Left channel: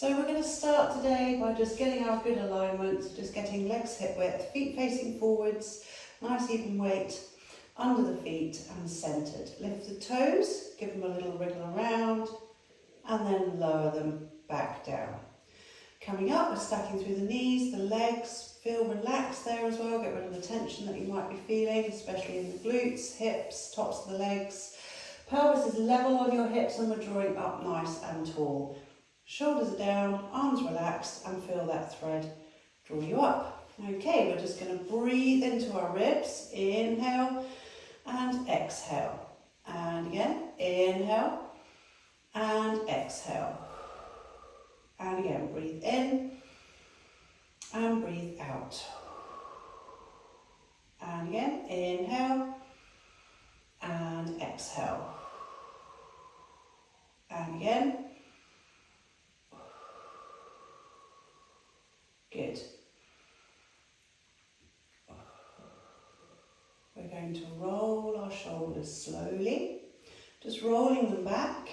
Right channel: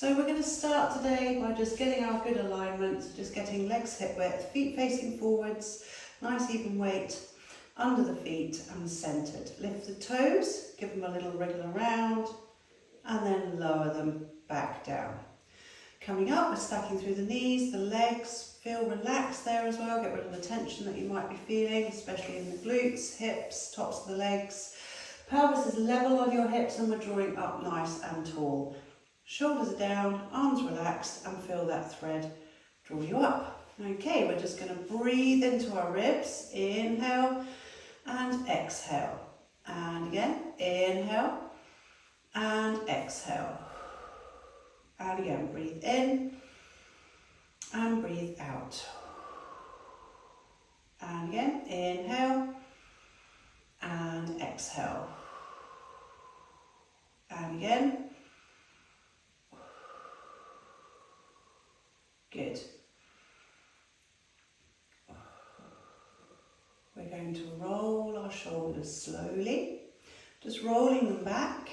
So we're going to start today by just getting our good alignment, just getting legs hip width, feet facing forwards, nice even weight under the feet and centred. Lift the toes, give them a little wriggle around and then lower them back down. Coming up, we're stacking through the knees, the legs, feel relaxed there as well, get rid of the tension that you might be feeling, especially in the glutes, hips, tops of the legs. Pelvis is level on your hips and we're drawing up nice and tall. Shoulders are down, arms relaxed, and feel that thread draw you up. Okay, we're just going to breathe into our ribs. Inhale and exhale. And again, inhale and exhale. And again, breathe in and breathe out. And again, inhale and exhale. And again. Good. We're going to roll our shoulders slowly, just rolling them back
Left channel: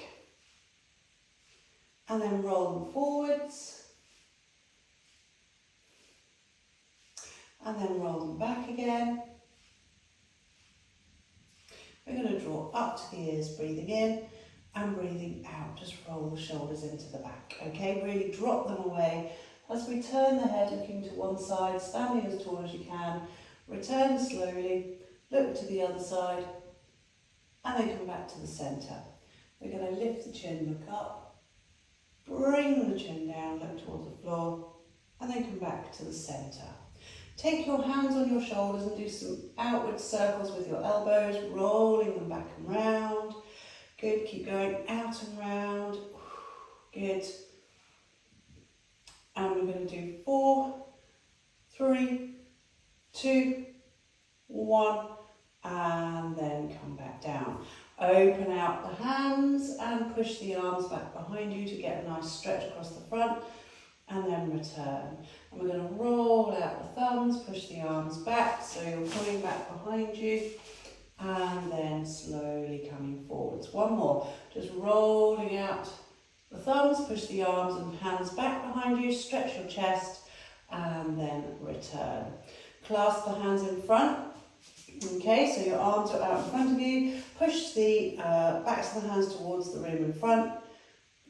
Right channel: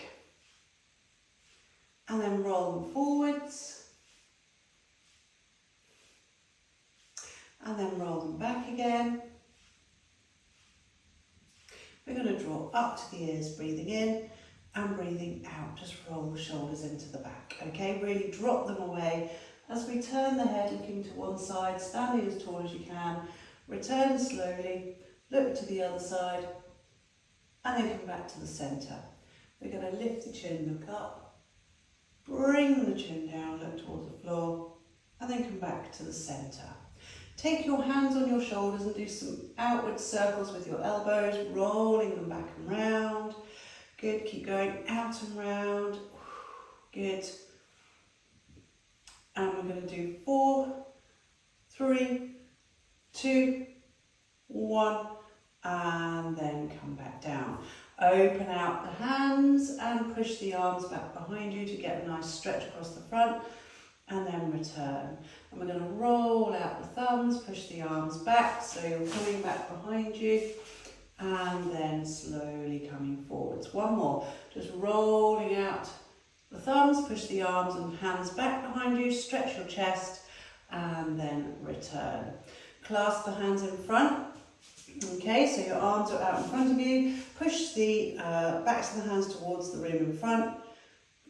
and then roll them forwards and then roll them back again. We're going to draw up to the ears, breathing in and breathing out. Just roll the shoulders into the back. Okay, really drop them away. As we turn the head, looking to one side, standing as tall as you can, return slowly, look to the other side, and then come back to the centre. We're going to lift the chin, look up, bring the chin down, look towards the floor, and then come back to the centre. Take your hands on your shoulders and do some outward circles with your elbows, rolling them back and round. Good, keep going out and round. Good. And we're going to do 4, 3, 2, 1, and then come back down. Open out the hands and push the arms back behind you to get a nice stretch across the front, and then return. And we're going to roll out the thumbs, push the arms back, so you're coming back behind you, and then slowly coming forwards. One more, just rolling out the thumbs, push the arms and hands back behind you, stretch your chest and then return. Clasp the hands in front. Okay, so your arms are out in front of you. Push the backs of the hands towards the room in front.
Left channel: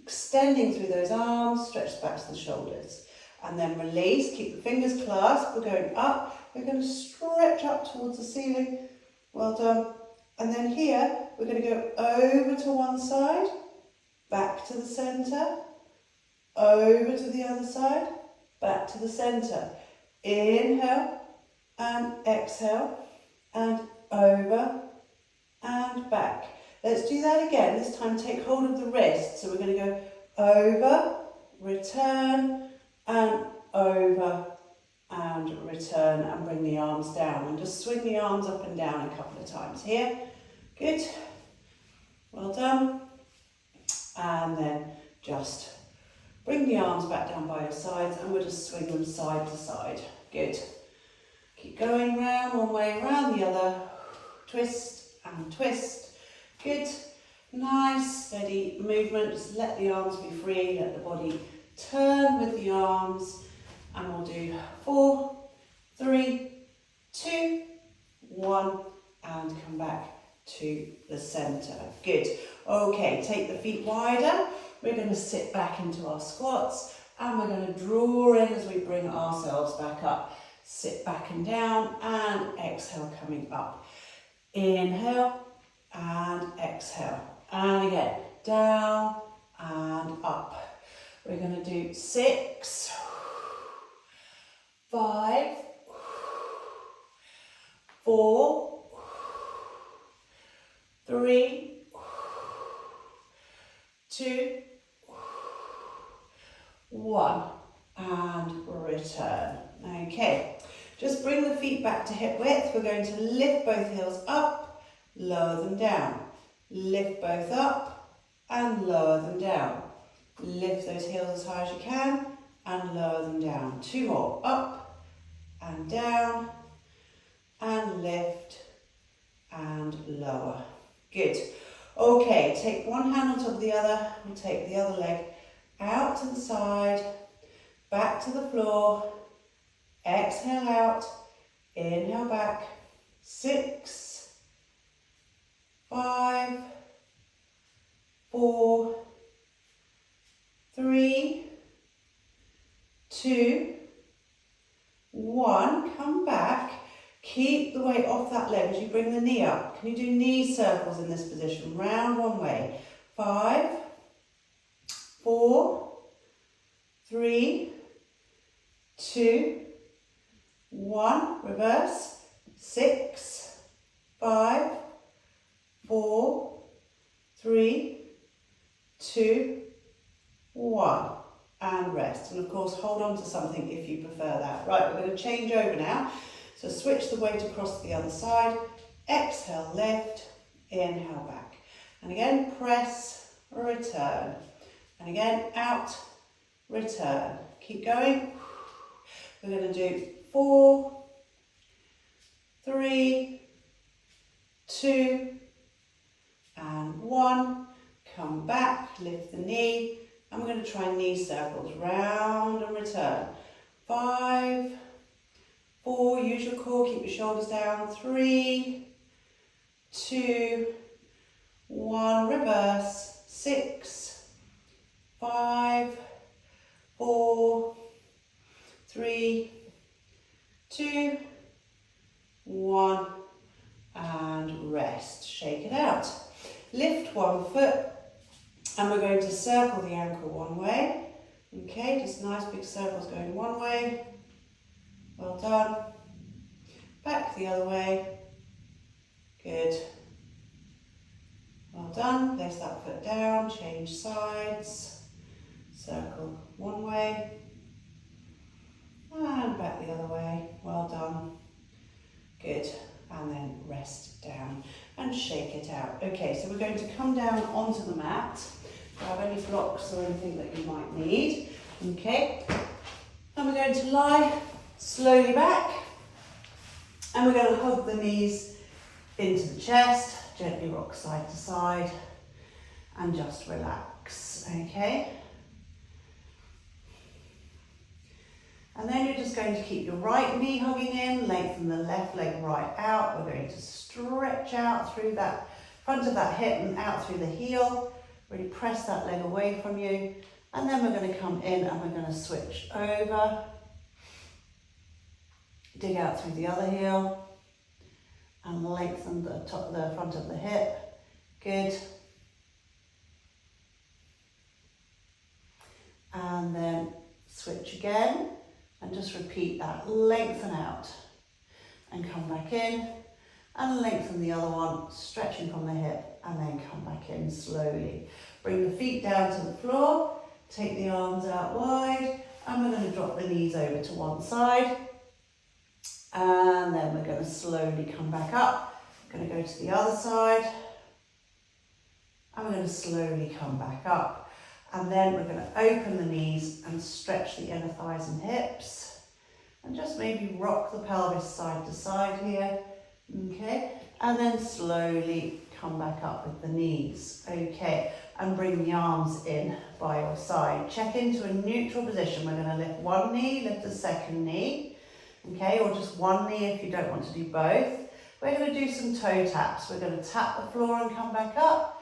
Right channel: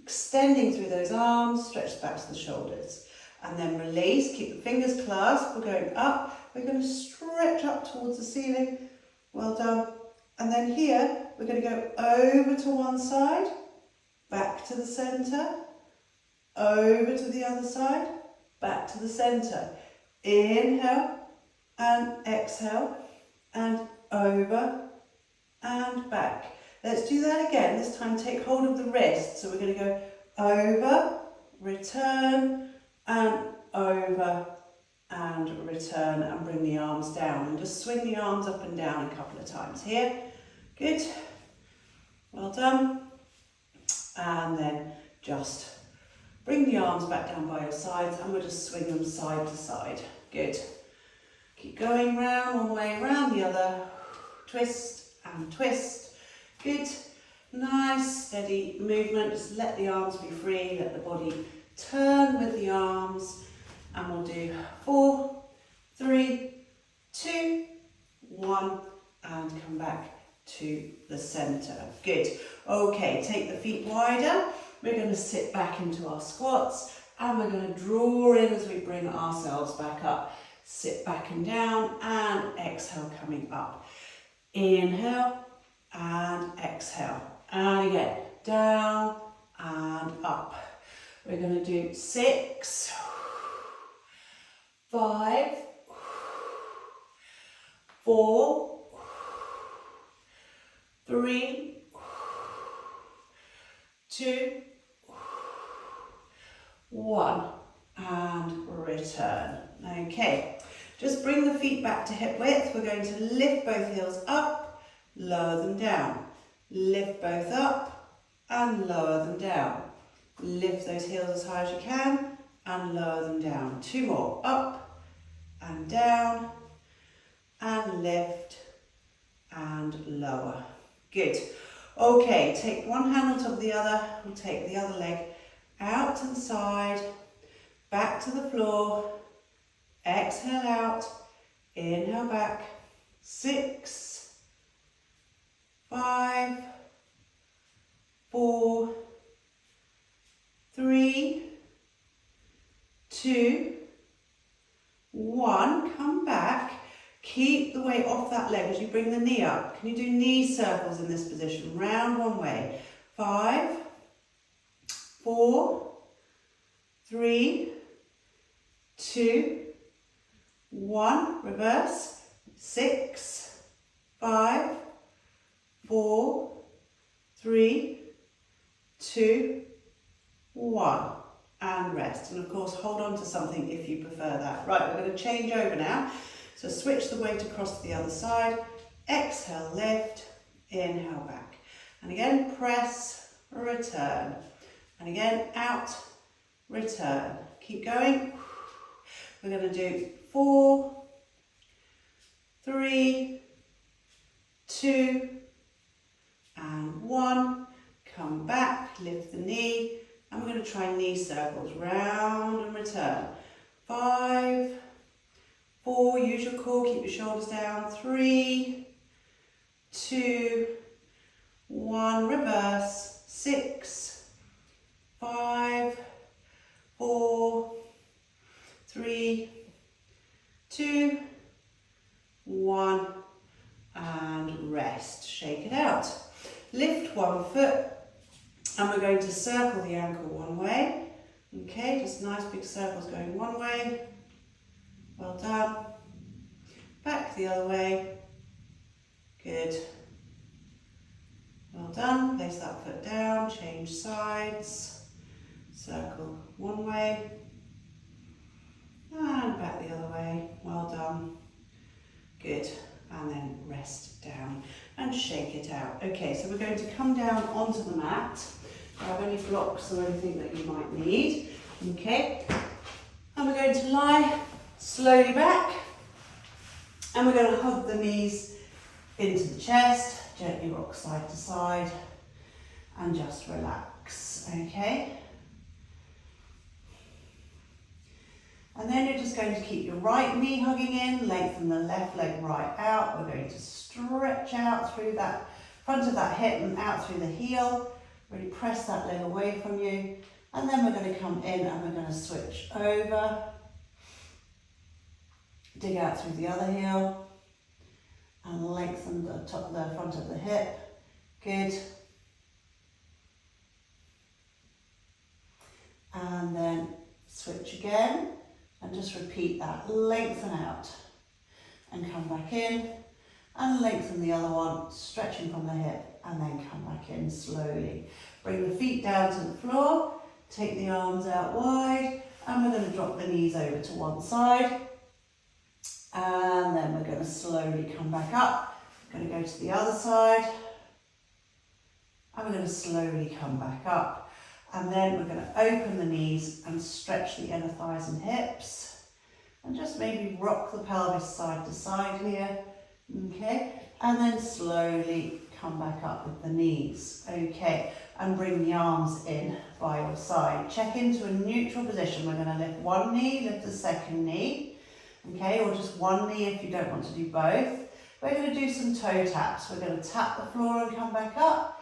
Extending through those arms, stretch the backs of the shoulders. And then release, keep the fingers clasped. We're going up. We're going to stretch up towards the ceiling. Well done. And then here, we're going to go over to one side. Back to the centre, over to the other side, back to the centre. Inhale and exhale and over and back. Let's do that again. This time take hold of the wrist. So we're going to go over, return and over and return and bring the arms down. And just swing the arms up and down a couple of times here. Good. Well done. And then just bring the arms back down by your sides and we'll just swing them side to side. Good. Keep going round, one way, round the other. Twist and twist. Good. Nice, steady movement. Just let the arms be free, let the body turn with the arms. And we'll do 4, 3, 2, 1, and come back to the centre. Good. Okay, take the feet wider. We're going to sit back into our squats and we're going to draw in as we bring ourselves back up. Sit back and down and exhale coming up. Inhale and exhale. And again, down and up. We're going to do 6, 5, 4, 3, 2, 1, and return. Okay, just bring the feet back to hip width. We're going to lift both heels up, lower them down. Lift both up and lower them down. Lift those heels as high as you can and lower them down. 2 more, up and down and lift and lower. Good. Okay, take one hand on top of the other and take the other leg out to the side, back to the floor, exhale out, inhale back, 6, 5, 4, 3, 2, 1, come back, keep the weight off that leg as you bring the knee up. Can you do knee circles in this position? Round one way. 5, 4, 3, 2, 1, reverse, 6, 5, 4, 3, 2, 1, and rest. And of course, hold on to something if you prefer that. Right, we're going to change over now. So switch the weight across to the other side. Exhale, lift, inhale back. And again, press, return. And again, out, return. Keep going. We're going to do 4, 3, 2, and 1. Come back, lift the knee, and we're going to try knee circles, round and return. 5, 4, use your core, keep your shoulders down. 3, 2, 1, reverse. 6, 5, 4, 3, 2, 1, and rest. Shake it out. Lift one foot, and we're going to circle the ankle one way. Okay, just nice big circles going one way. Well done. Back the other way. Good. Well done. Place that foot down, change sides. Circle one way. And back the other way. Well done. Good. And then rest down and shake it out. Okay, so we're going to come down onto the mat. Grab any blocks or anything that you might need. Okay, and we're going to lie slowly back, and we're going to hug the knees into the chest, gently rock side to side, and just relax. Okay. And then you're just going to keep your right knee hugging in, lengthen the left leg right out. We're going to stretch out through that front of that hip and out through the heel. Really press that leg away from you. And then we're going to come in and we're going to switch over. Dig out through the other heel and lengthen the top, the front of the hip. Good. And then switch again. And just repeat that, lengthen out and come back in and lengthen the other one, stretching from the hip and then come back in slowly. Bring the feet down to the floor, take the arms out wide, and we're going to drop the knees over to one side, and then we're going to slowly come back up. We're going to go to the other side, and we're going to slowly come back up. And then we're going to open the knees and stretch the inner thighs and hips. And just maybe rock the pelvis side to side here. Okay. And then slowly come back up with the knees. Okay. And bring the arms in by your side. Check into a neutral position. We're going to lift one knee, lift the second knee. Okay. Or just one knee if you don't want to do both. We're going to do some toe taps. We're going to tap the floor and come back up.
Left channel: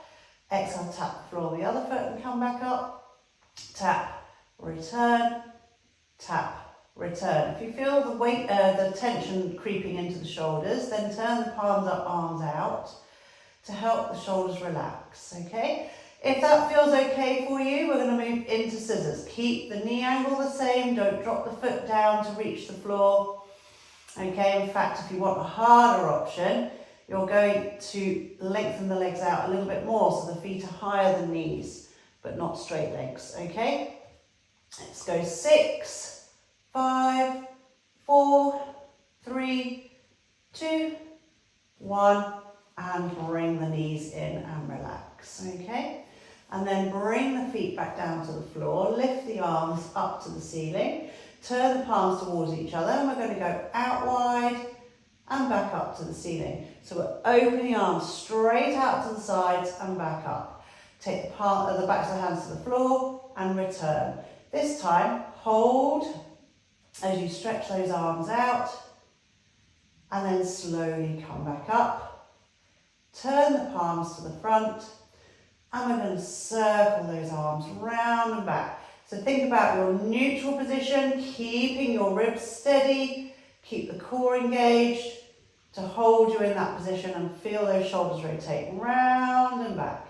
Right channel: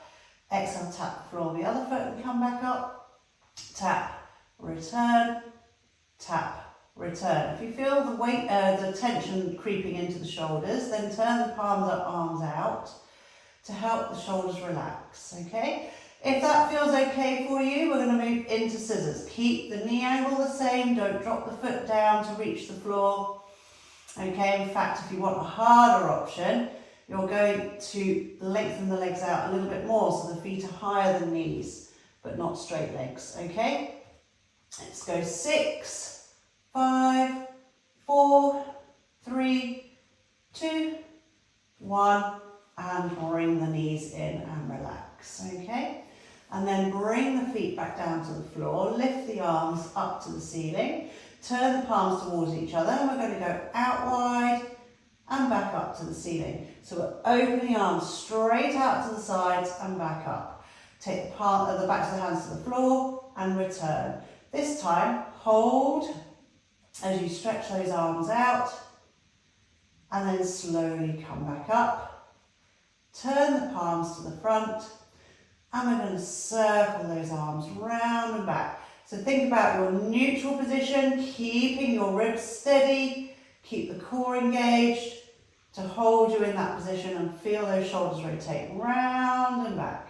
Exhale, tap the floor, the other foot and come back up. Tap, return, tap, return. If you feel the weight, the tension creeping into the shoulders, then turn the palms up, arms out to help the shoulders relax, okay? If that feels okay for you, we're going to move into scissors. Keep the knee angle the same, don't drop the foot down to reach the floor, okay? In fact, if you want a harder option, you're going to lengthen the legs out a little bit more so the feet are higher than knees, but not straight legs, okay? Let's go 6, 5, 4, 3, 2, 1, and bring the knees in and relax, okay? And then bring the feet back down to the floor, lift the arms up to the ceiling, turn the palms towards each other, and we're going to go out wide, and back up to the ceiling. So we're opening the arms straight out to the sides and back up. Take the backs of the hands to the floor and return. This time, hold as you stretch those arms out and then slowly come back up. Turn the palms to the front and we're going to circle those arms round and back. So think about your neutral position, keeping your ribs steady, keep the core engaged to hold you in that position and feel those shoulders rotate round and back.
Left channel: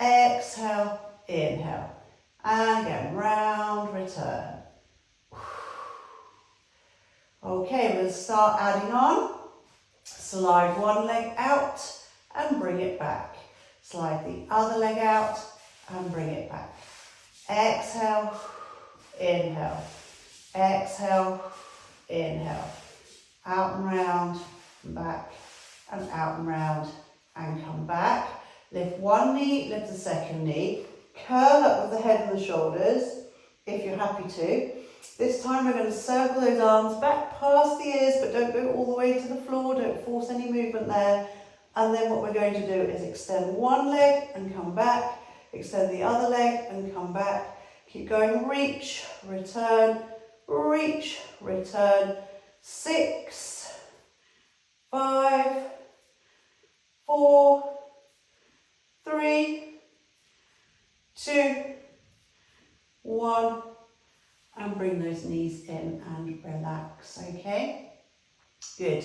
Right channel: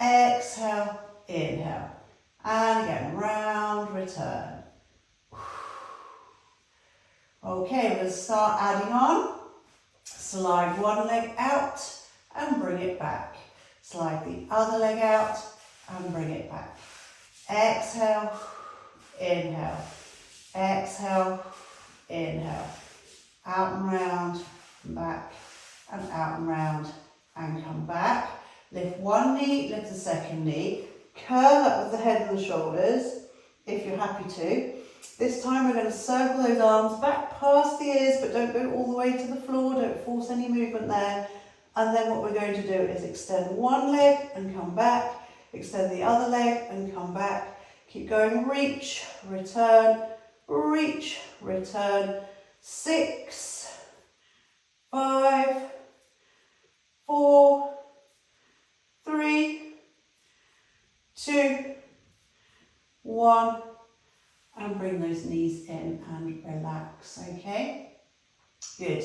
Exhale, inhale, and again, round, return. Okay, we're going to start adding on. Slide one leg out and bring it back. Slide the other leg out and bring it back. Exhale, inhale, exhale, inhale. Out and round, back, and out and round, and come back. Lift one knee, lift the second knee. Curl up with the head and the shoulders, if you're happy to. This time we're going to circle those arms back past the ears, but don't go all the way to the floor, don't force any movement there. And then what we're going to do is extend one leg and come back, extend the other leg and come back. Keep going, reach, return, 6, 5, 4, 3, 2, 1, and bring those knees in and relax, okay? Good.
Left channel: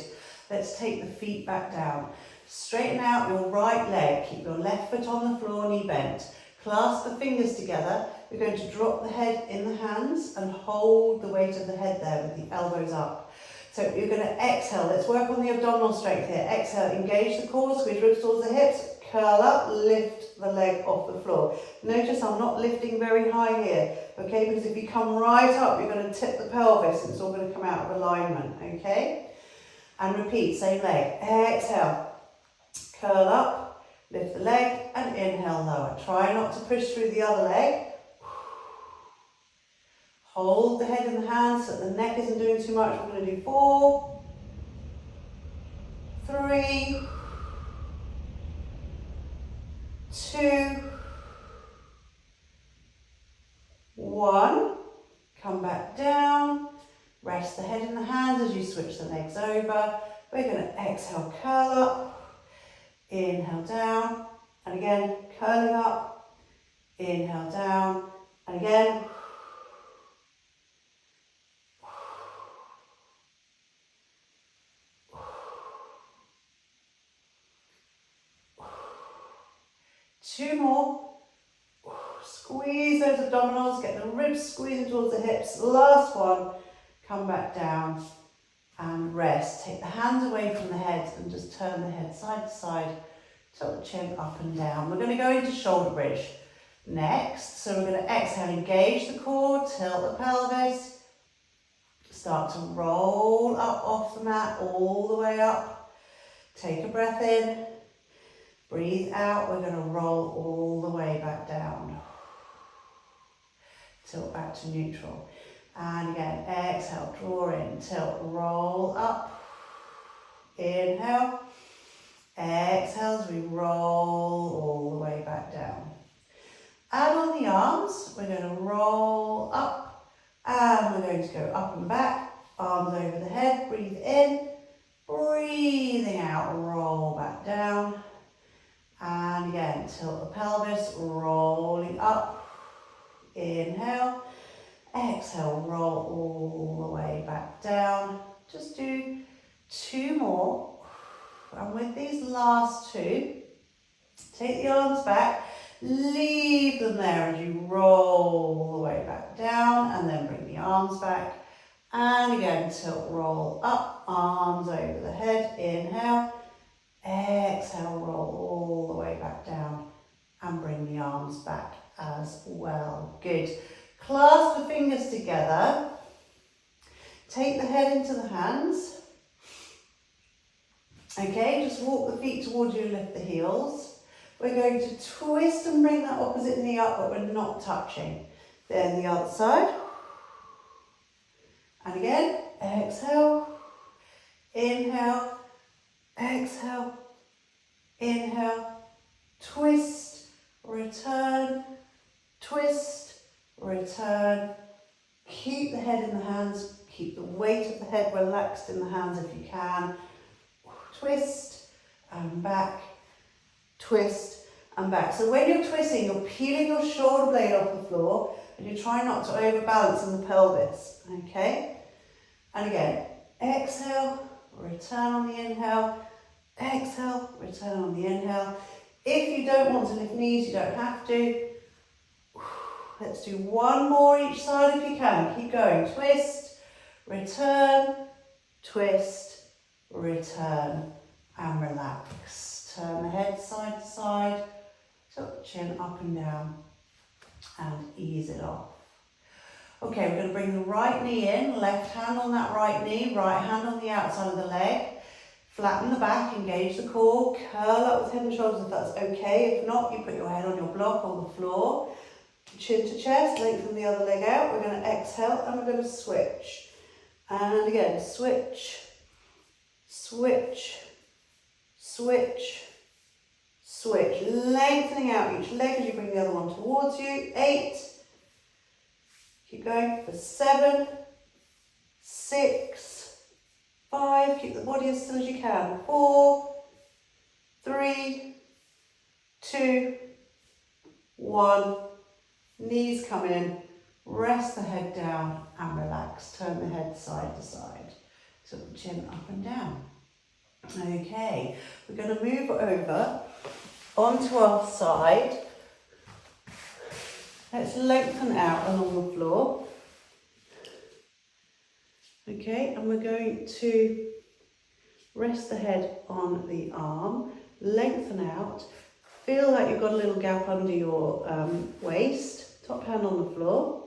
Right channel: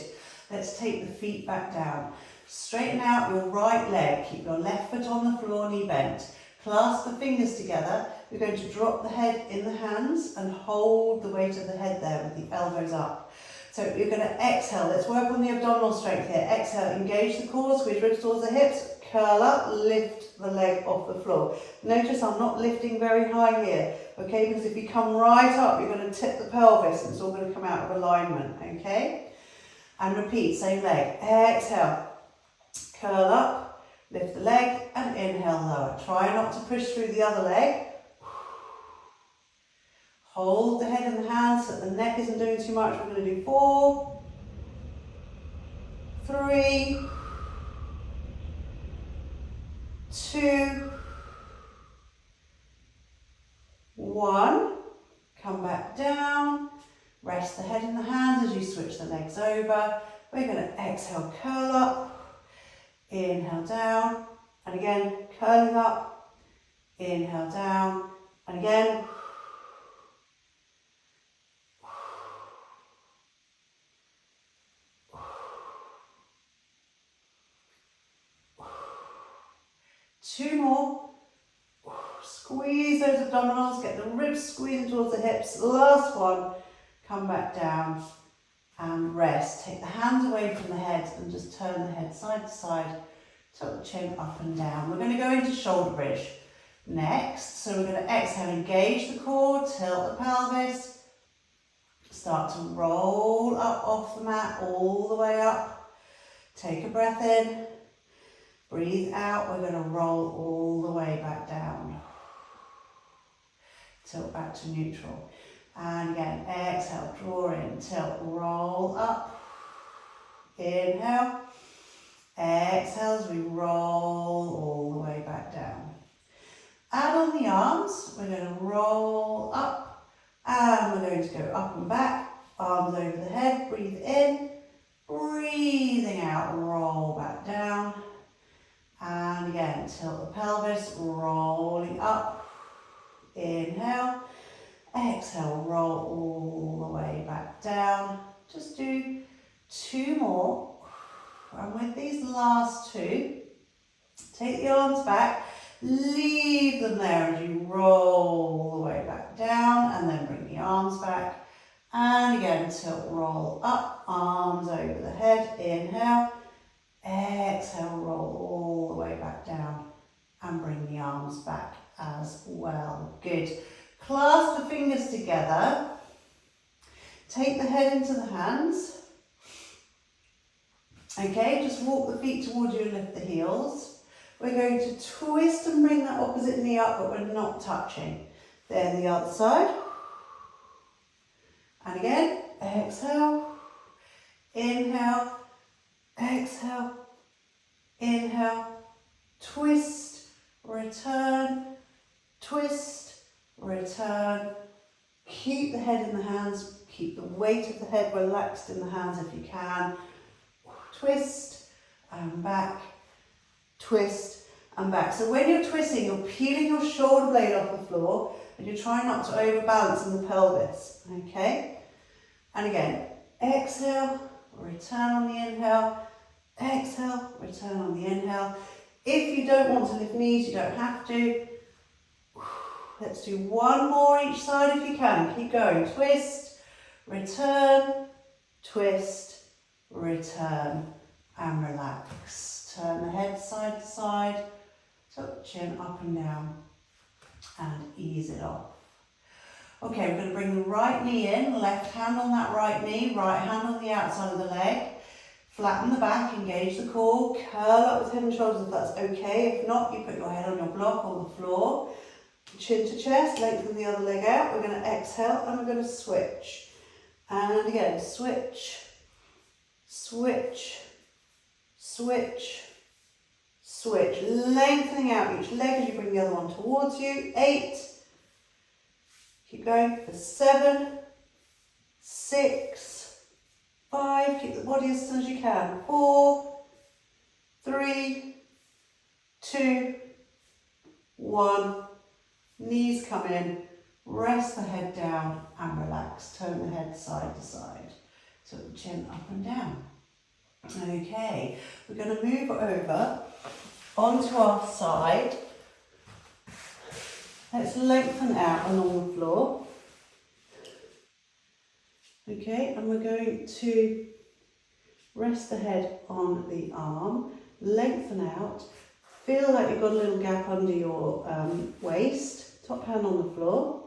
Let's take the feet back down. Straighten out your right leg, keep your left foot on the floor, knee bent. Clasp the fingers together. We're going to drop the head in the hands and hold the weight of the head there with the elbows up. So you're going to exhale. Let's work on the abdominal strength here. Exhale, engage the core, squeeze ribs towards the hips, curl up, lift the leg off the floor. Notice I'm not lifting very high here, okay? Because if you come right up, you're going to tip the pelvis and it's all going to come out of alignment, okay? And repeat, same leg. Exhale, curl up, lift the leg, and inhale, lower. Try not to push through the other leg. Hold the head in the hands so that the neck isn't doing too much. We're going to do 4, 3, 2, 1. Come back down. Rest the head in the hands as you switch the legs over. We're going to exhale, curl up. Inhale, down. And again, curling up. Inhale, down. And again. 2 more. Squeeze those abdominals, get the ribs squeezing towards the hips. Last one. Come back down and rest. Take the hands away from the head and just turn the head side to side. Tilt the chin up and down. We're going to go into shoulder bridge next. So we're going to exhale, engage the core, tilt the pelvis. Start to roll up off the mat all the way up. Take a breath in. Breathe out, we're going to roll all the way back down. Tilt back to neutral. And again, exhale, draw in, tilt, roll up. Inhale. Exhale as we roll all the way back down. Add on the arms, we're going to roll up. And we're going to go up and back, arms over the head, breathe in. Breathing out, roll back down. And again, tilt the pelvis, rolling up. Inhale. Exhale, roll all the way back down. Just do 2 more. And with these last 2, take the arms back, leave them there as you roll the way back down, and then bring the arms back. And again, tilt, roll up, arms over the head. Inhale. Exhale, roll all the way back down and bring the arms back as well. Good. Clasp the fingers together. Take the head into the hands. Okay, just walk the feet towards you and lift the heels. We're going to twist and bring that opposite knee up, but we're not touching. Then the other side. And again, exhale, inhale. Exhale, inhale, twist, return, twist, return. Keep the head in the hands, keep the weight of the head relaxed in the hands if you can. Twist and back, twist and back. So when you're twisting, you're peeling your shoulder blade off the floor and you're trying not to overbalance in the pelvis, okay? And again, exhale, return on the inhale, exhale, return on the inhale. If you don't want to lift knees, you don't have to. Let's do one more each side if you can. Keep going. Twist, return, twist, return, and relax. Turn the head side to side, tilt the chin up and down, and ease it off. Okay, we're going to bring the right knee in, left hand on that right knee, right hand on the outside of the leg. Flatten the back, engage the core, curl up with head and shoulders if that's okay. If not, you put your head on your block or the floor. Chin to chest, lengthen the other leg out. We're going to exhale and we're going to switch. And again, switch, switch, switch, switch. Lengthening out each leg as you bring the other one towards you. 8. Keep going for 7, 6, 5. Keep the body as still as you can. 4, 3, 2, 1. Knees come in, rest the head down and relax. Turn the head side to side. So the chin up and down. Okay, we're going to move over onto our side. Let's lengthen out along the floor. Okay, and we're going to rest the head on the arm, lengthen out. Feel like you've got a little gap under your waist, top hand on the floor.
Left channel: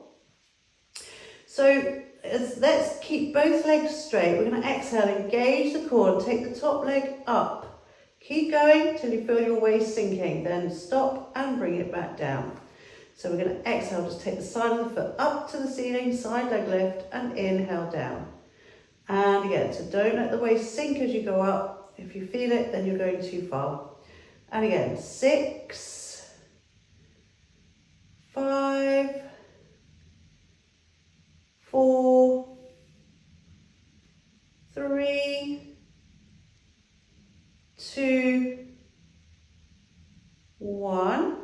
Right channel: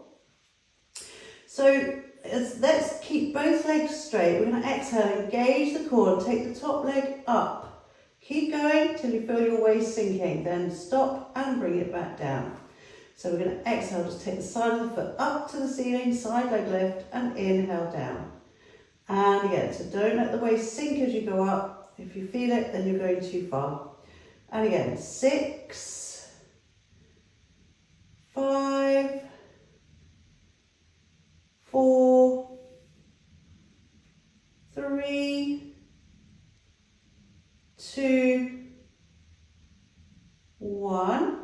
So let's keep both legs straight. We're going to exhale, engage the core and take the top leg up. Keep going till you feel your waist sinking, then stop and bring it back down. So we're going to exhale, just take the side of the foot up to the ceiling, side leg lift and inhale down. And again, so don't let the waist sink as you go up. If you feel it, then you're going too far. And again, 6, 5, 4, 3, 2, 1.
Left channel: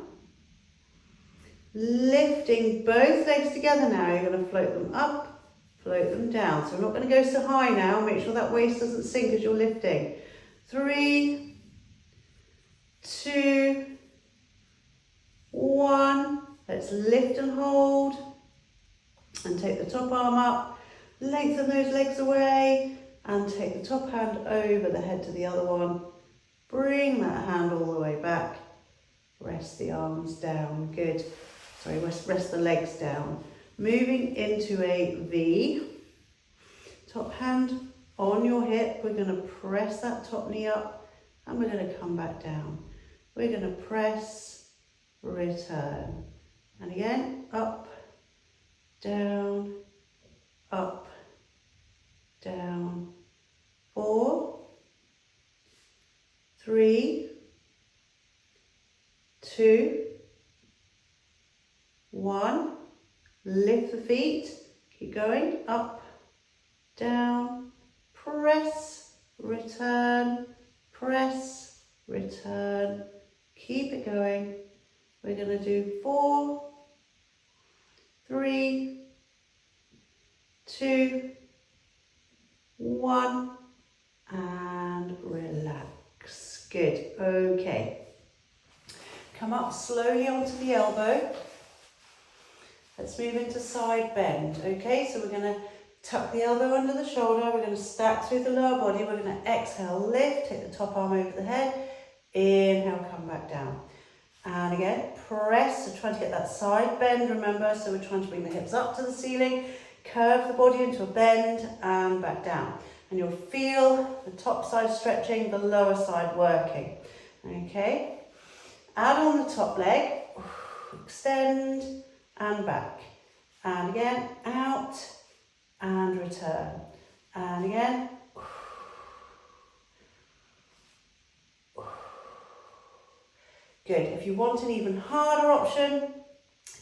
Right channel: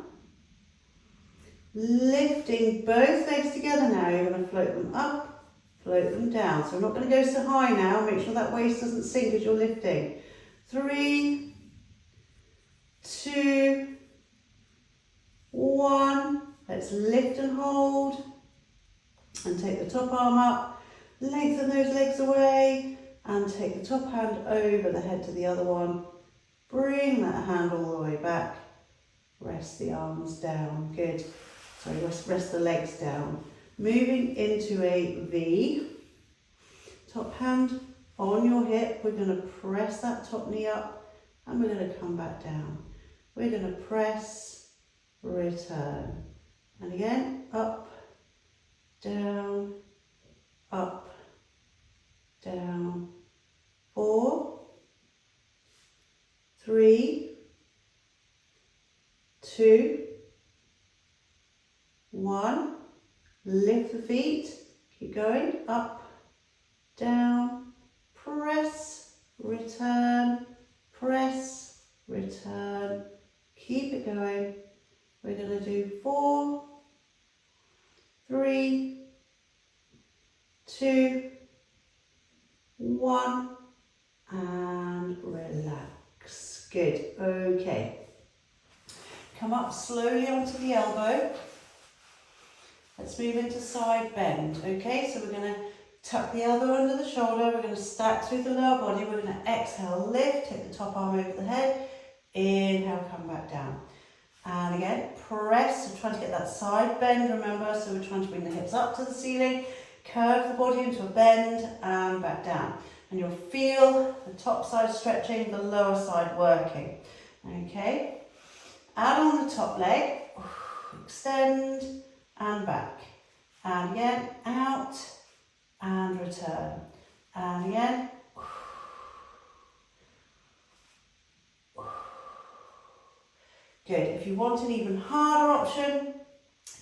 Lifting both legs together now, you're going to float them up, float them down. So we're not going to go so high now, make sure that waist doesn't sink as you're lifting. 3, 2, 1. Let's lift and hold and take the top arm up, lengthen those legs away and take the top hand over the head to the other one. Bring that hand all the way back, rest the arms down, good. Sorry, rest the legs down. Moving into a V, top hand on your hip, we're going to press that top knee up and we're going to come back down. We're going to press, return. And again, up, down, up, down. 4, 3, 2, 1. Lift the feet, keep going, up, down, press, return, press, return. Keep it going. We're going to do 4, 3, 2, 1 and relax. Good. Okay. Come up slowly onto the elbow. Let's move into side bend. Okay, so we're going to tuck the elbow under the shoulder. We're going to stack through the lower body. We're going to exhale, lift, take the top arm over the head. Inhale, come back down. And again, press. So trying to get that side bend, remember. So we're trying to bring the hips up to the ceiling, curve the body into a bend and back down. And you'll feel the top side stretching, the lower side working. Okay. Add on the top leg, extend and back. And again, out and return. And again. Good. If you want an even harder option,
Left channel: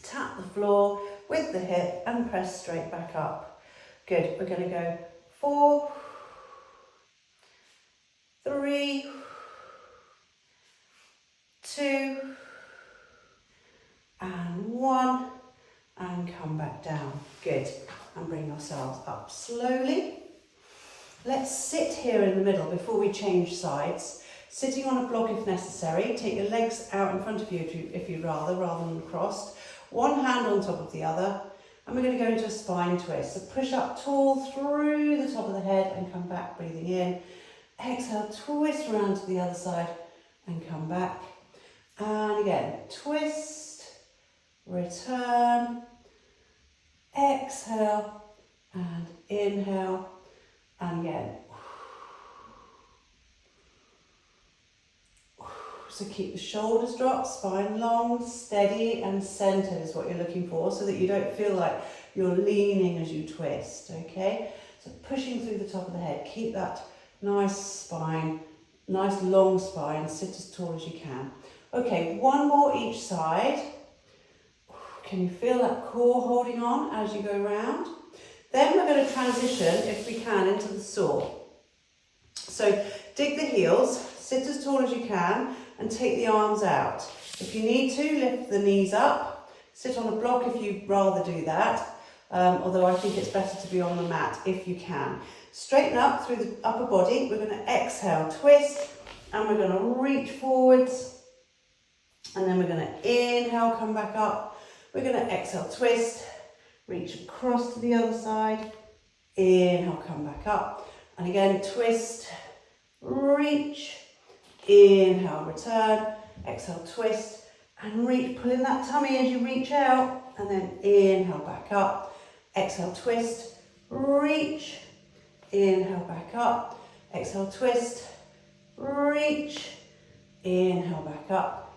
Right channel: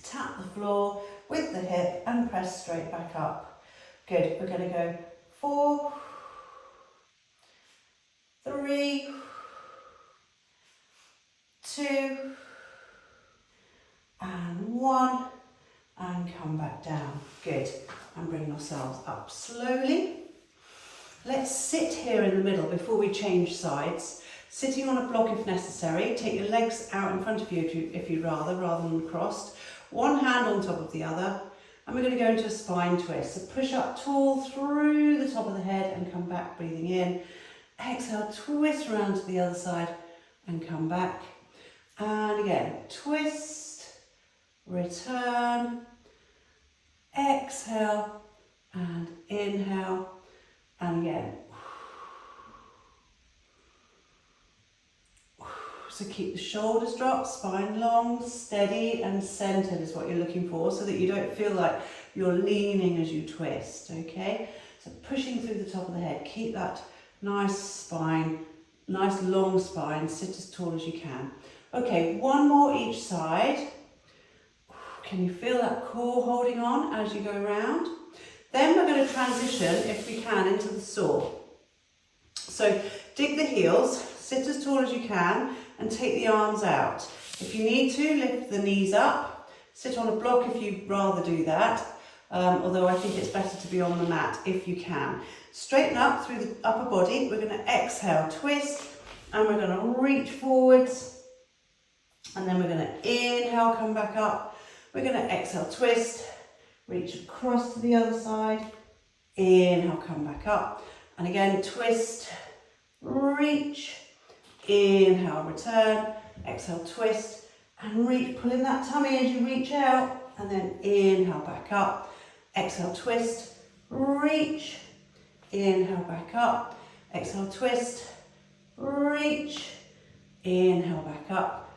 tap the floor with the hip and press straight back up. Good. We're going to go 4, 3, 2, and 1, and come back down. Good. And bring yourselves up slowly. Let's sit here in the middle before we change sides. Sitting on a block if necessary. Take your legs out in front of you if you'd rather than crossed. One hand on top of the other. And we're going to go into a spine twist. So push up tall through the top of the head and come back, breathing in. Exhale, twist around to the other side and come back. And again, twist, return, exhale, and inhale, and again. So keep the shoulders dropped, spine long, steady and centered is what you're looking for, so that you don't feel like you're leaning as you twist, okay? So pushing through the top of the head, keep that nice spine, nice long spine, sit as tall as you can. Okay, one more each side. Can you feel that core holding on as you go around? Then we're going to transition, if we can, into the saw. So dig the heels, sit as tall as you can, and take the arms out. If you need to, lift the knees up. Sit on a block if you'd rather do that, although I think it's better to be on the mat if you can. Straighten up through the upper body. We're going to exhale, twist, and we're going to reach forwards. And then we're going to inhale, come back up. We're going to exhale, twist, reach across to the other side. Inhale, come back up. And again, twist, reach, inhale, return, exhale, twist, and reach, pull in that tummy as you reach out, and then inhale, back up, exhale, twist, reach, inhale, back up, exhale, twist, reach, inhale, back up,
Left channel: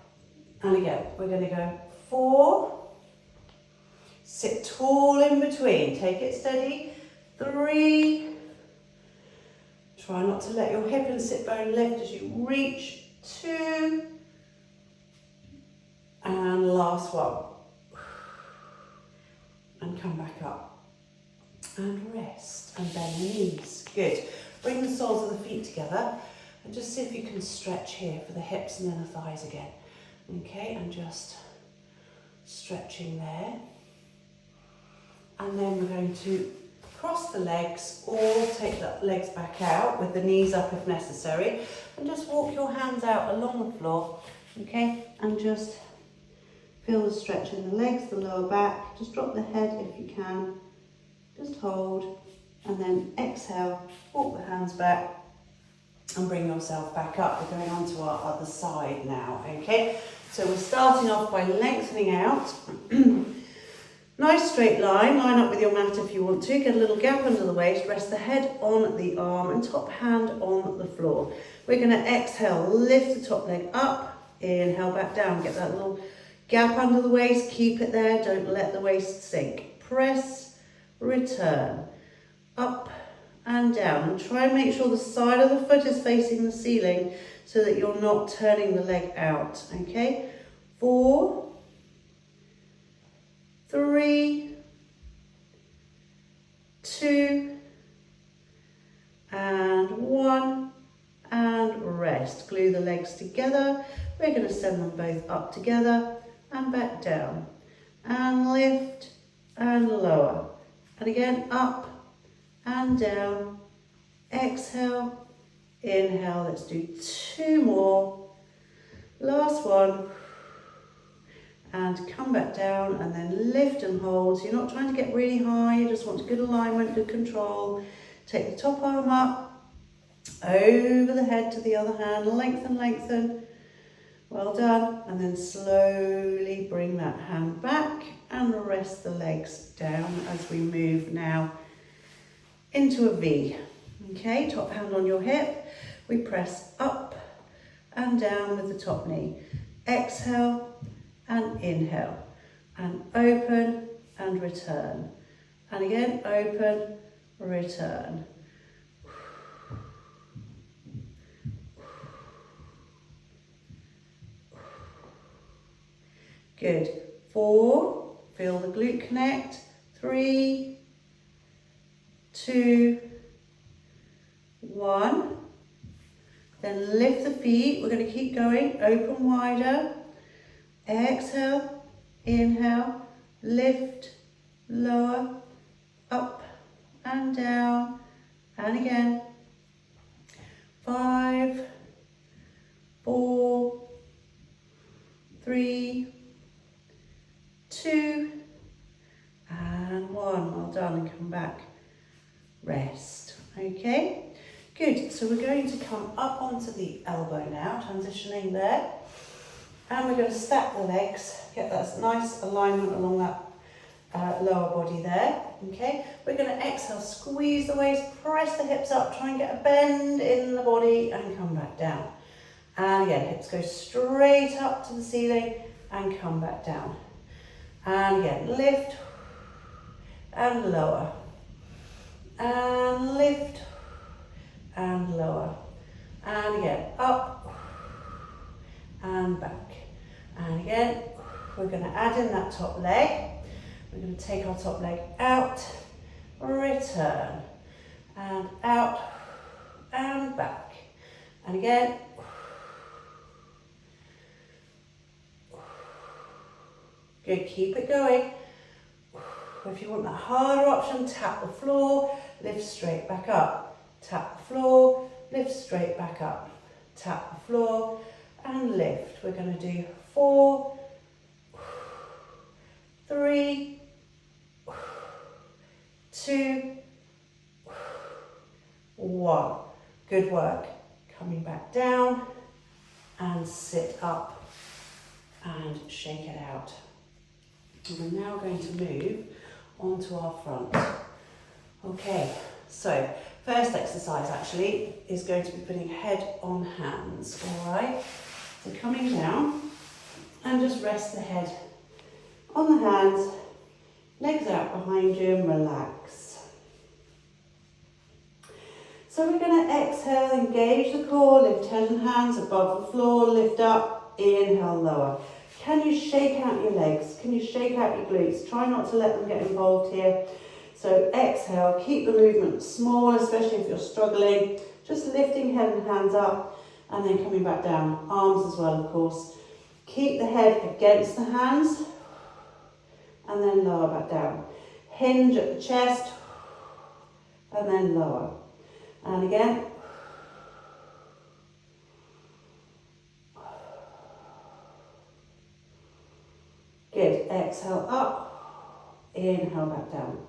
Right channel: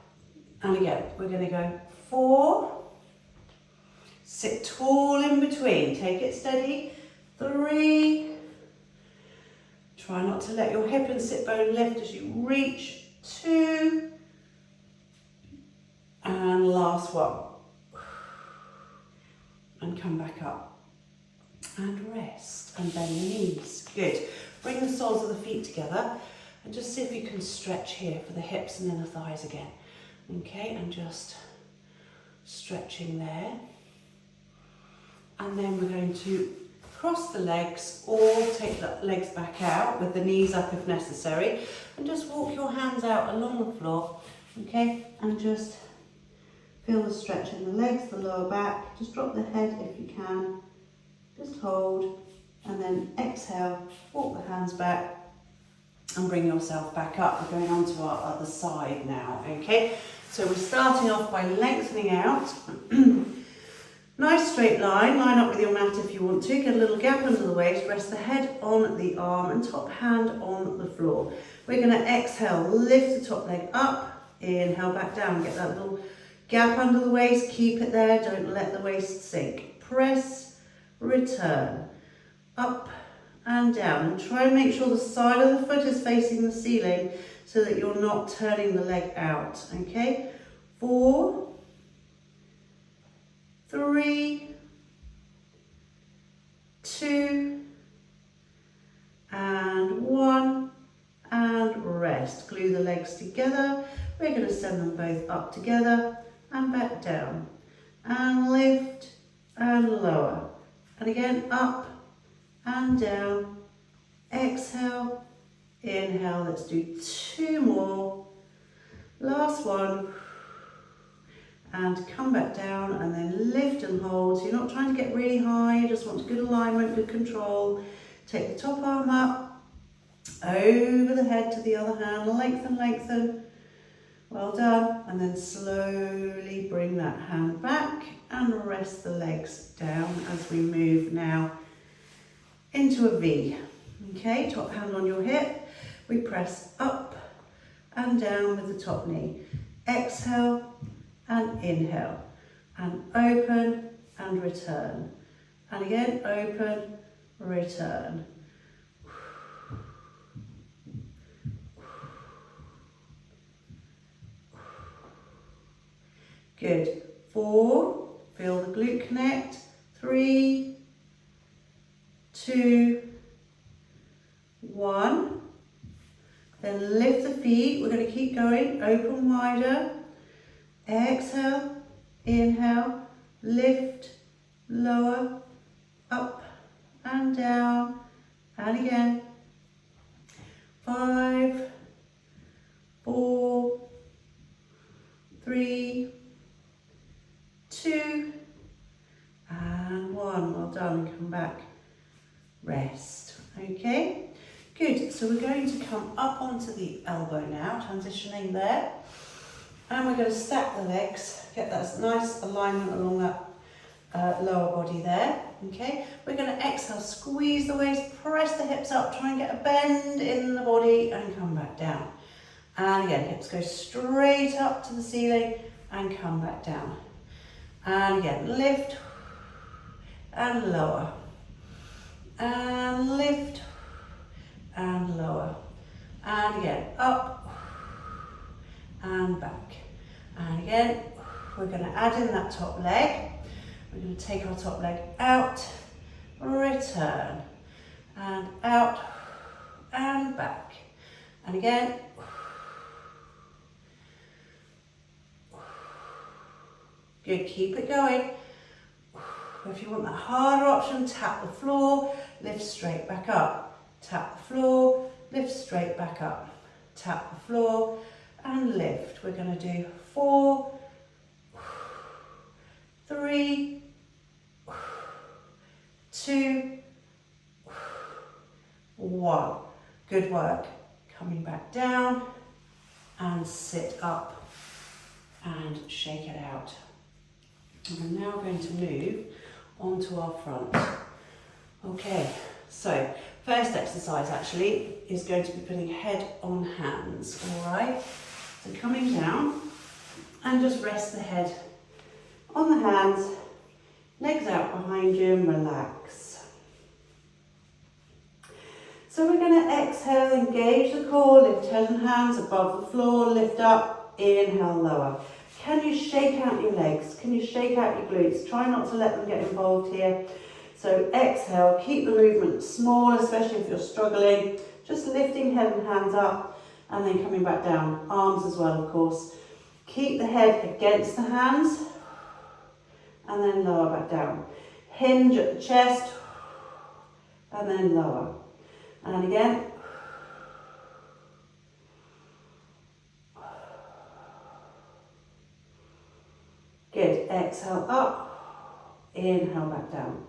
and again, we're going to go 4, sit tall in between, take it steady, 3, try not to let your hip and sit bone lift as you reach, 2, and last one, and come back up, and rest, and bend the knees, good. Bring the soles of the feet together, and just see if you can stretch here for the hips and then the thighs again, okay, and just stretching there, and then we're going to cross the legs or take the legs back out with the knees up if necessary, and just walk your hands out along the floor, okay, and just feel the stretch in the legs, the lower back. Just drop the head if you can, just hold, and then exhale, walk the hands back and bring yourself back up. We're going on to our other side now, okay, so we're starting off by lengthening out. Nice straight line, line up with your mat if you want to, get a little gap under the waist, rest the head on the arm and top hand on the floor. We're going to exhale, lift the top leg up, inhale back down, get that little gap under the waist, keep it there, don't let the waist sink. Press, return, up and down, and try and make sure the side of the foot is facing the ceiling so that you're not turning the leg out, okay? 4, 3, 2, and 1, and rest. Glue the legs together. We're going to send them both up together and back down, and lift and lower, and again up and down. Exhale, inhale. Let's do 2 more. Last one. And come back down, and then lift and hold. So you're not trying to get really high, you just want good alignment, good control. Take the top arm up, over the head to the other hand, lengthen, lengthen. Well done. And then slowly bring that hand back and rest the legs down as we move now into a V. Okay, top hand on your hip. We press up and down with the top knee. Exhale and inhale, and open and return, and again open, return. Good. 4, feel the glute connect. 3, 2, 1. Then lift the feet. We're going to keep going. Open wider. Exhale. Inhale. Lift. Lower. Up and down. And again. 5, 4, 3, 2, and 1. Well done, and come back. Rest. Okay, good. So we're going to come up onto the elbow now, transitioning there. And we're going to stack the legs, get that nice alignment along that lower body there. Okay, we're going to exhale, squeeze the waist, press the hips up, try and get a bend in the body and come back down. And again, hips go straight up to the ceiling and come back down. And again, lift and lower. And lift and lower. And again, up and back. And again, we're going to add in that top leg. We're going to take our top leg out, return, and out, and back. And again. Good, keep it going. If you want that harder option, tap the floor, lift straight back up. Tap the floor, lift straight back up. Tap the floor and lift. We're going to do 4, 3, 2, 1. Good work. Coming back down and sit up and shake it out. And we're now going to move onto our front. Okay, so first exercise actually is going to be putting head on hands, all right? So coming down and just rest the head on the hands, legs out behind you and relax. So we're going to exhale, engage the core, lift head and hands above the floor, lift up, inhale, lower. Can you shake out your legs? Can you shake out your glutes? Try not to let them get involved here. So exhale, keep the movement small, especially if you're struggling. Just lifting head and hands up and then coming back down. Arms as well, of course. Keep the head against the hands and then lower back down. Hinge at the chest and then lower. And again. Good, exhale up, inhale back down.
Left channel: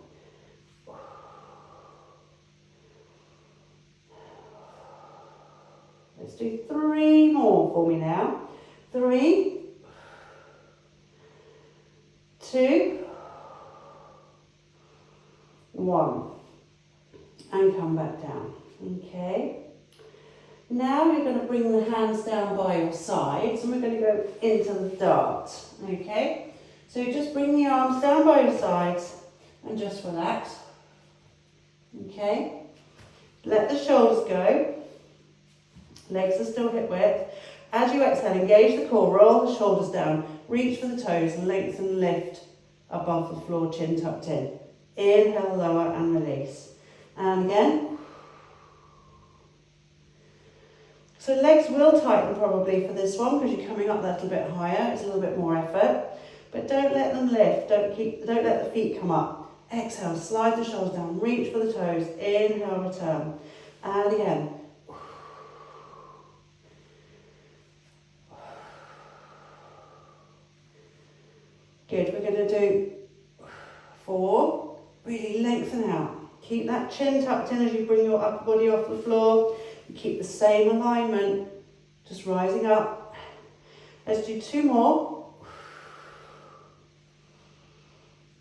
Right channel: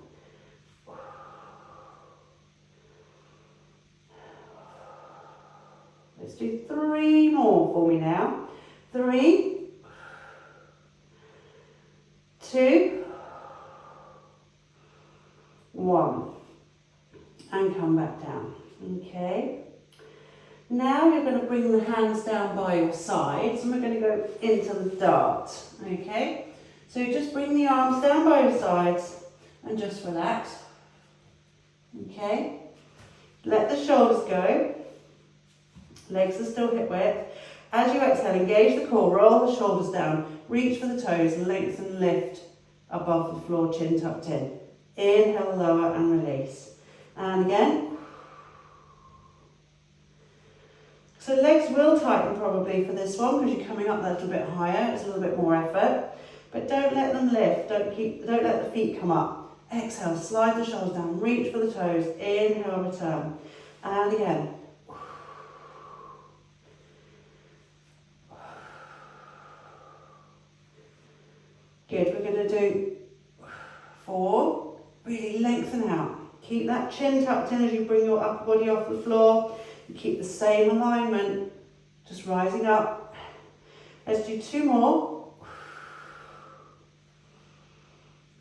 Let's do 3 more for me now. 3, 2, 1. And come back down, okay? Now you're going to bring the hands down by your sides and we're going to go into the dart, okay? So just bring the arms down by your sides and just relax, okay? Let the shoulders go, legs are still hip width. As you exhale, engage the core, roll the shoulders down, reach for the toes, lengthen, lift above the floor, chin tucked in. Inhale, lower and release. And again. So legs will tighten probably for this one because you're coming up that little bit higher, it's a little bit more effort. But don't let them lift, don't let the feet come up. Exhale, slide the shoulders down, reach for the toes, inhale, return. And again. Good, we're going to do 4, really lengthen out. Keep that chin tucked in as you bring your upper body off the floor. Keep the same alignment, just rising up. Let's do 2 more.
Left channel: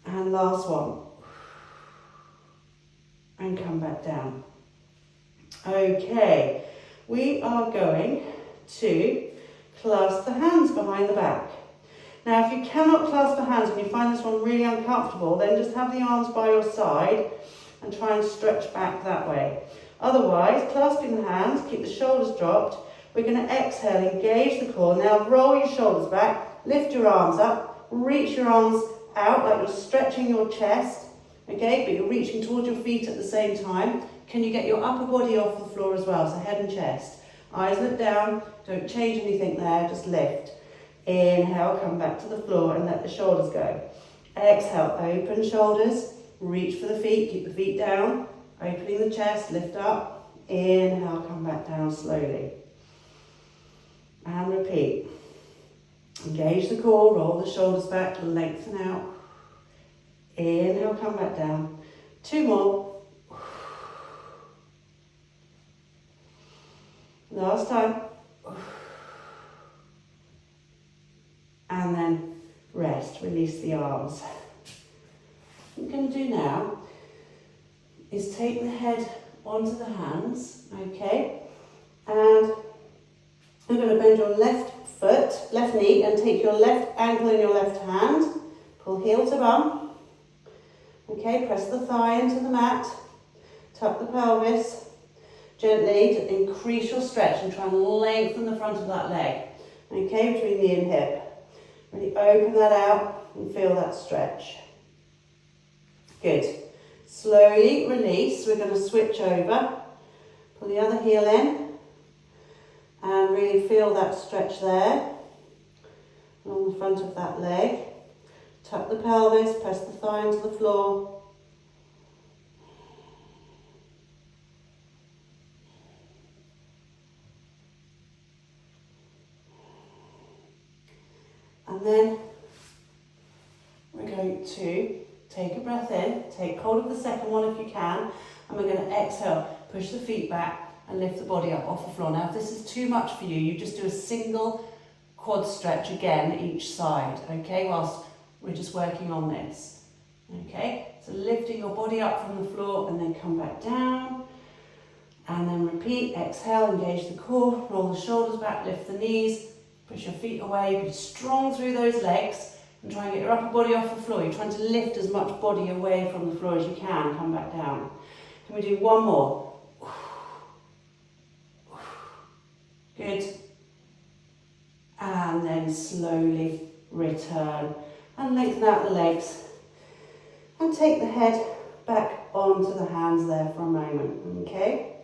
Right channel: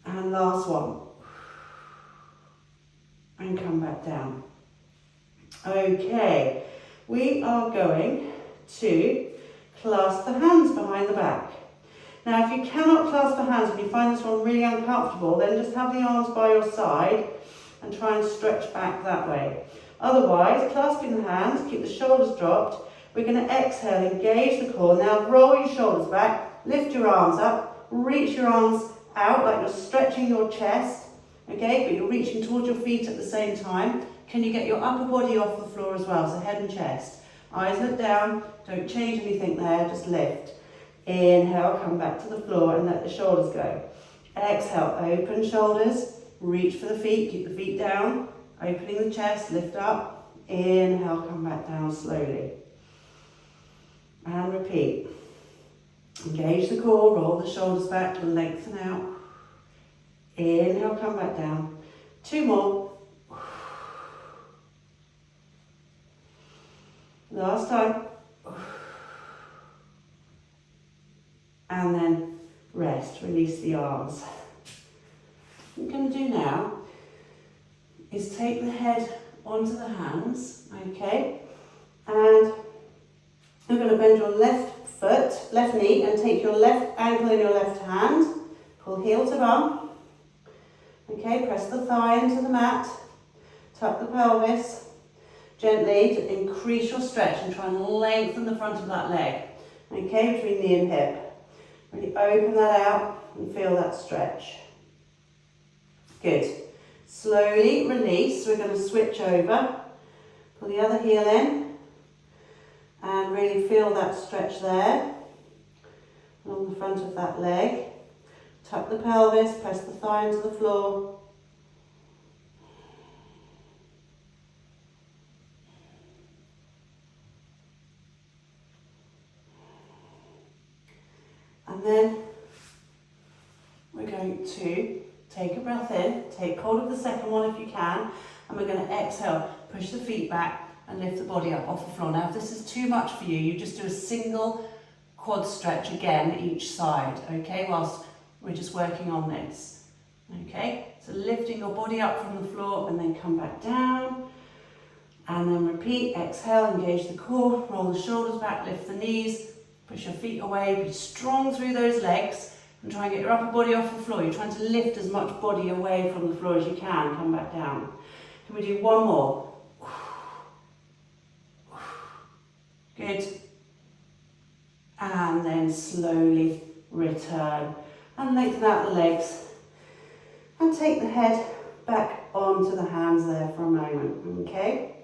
And last one. And come back down. Okay, we are going to clasp the hands behind the back. Now, if you cannot clasp the hands and you find this one really uncomfortable, then just have the arms by your side and try and stretch back that way. Otherwise, clasping the hands, keep the shoulders dropped. We're going to exhale, engage the core. Now roll your shoulders back, lift your arms up, reach your arms out like you're stretching your chest, okay, but you're reaching towards your feet at the same time. Can you get your upper body off the floor as well, so head and chest. Eyes look down, don't change anything there, just lift. Inhale, come back to the floor and let the shoulders go. Exhale, open shoulders, reach for the feet, keep the feet down, opening the chest, lift up. Inhale, come back down slowly. And repeat. Engage the core, roll the shoulders back, lengthen out. Inhale, come back down. 2 more. Last time. And then rest, release the arms. What I'm going to do now is take the head onto the hands, okay? And I'm going to bend your left foot, left knee, and take your left ankle in your left hand. Pull heel to bum. Okay, press the thigh into the mat. Tuck the pelvis. Gently to increase your stretch and try and lengthen the front of that leg. Okay, between knee and hip. Really open that out and feel that stretch. Good. Slowly release. We're going to switch over. Pull the other heel in. And really feel that stretch there. Along the front of that leg. Tuck the pelvis. Press the thigh into the floor. And then we're going to take a breath in, take hold of the second one if you can, and we're going to exhale, push the feet back and lift the body up off the floor. Now if this is too much for you, you just do a single quad stretch again each side, okay, whilst we're just working on this. Okay, so lifting your body up from the floor and then come back down. And then repeat, exhale, engage the core, roll the shoulders back, lift the knees. Push your feet away, be strong through those legs and try and get your upper body off the floor. You're trying to lift as much body away from the floor as you can. Come back down. Can we do one more? Good. And then slowly return and lengthen out the legs and take the head back onto the hands there for a moment, okay?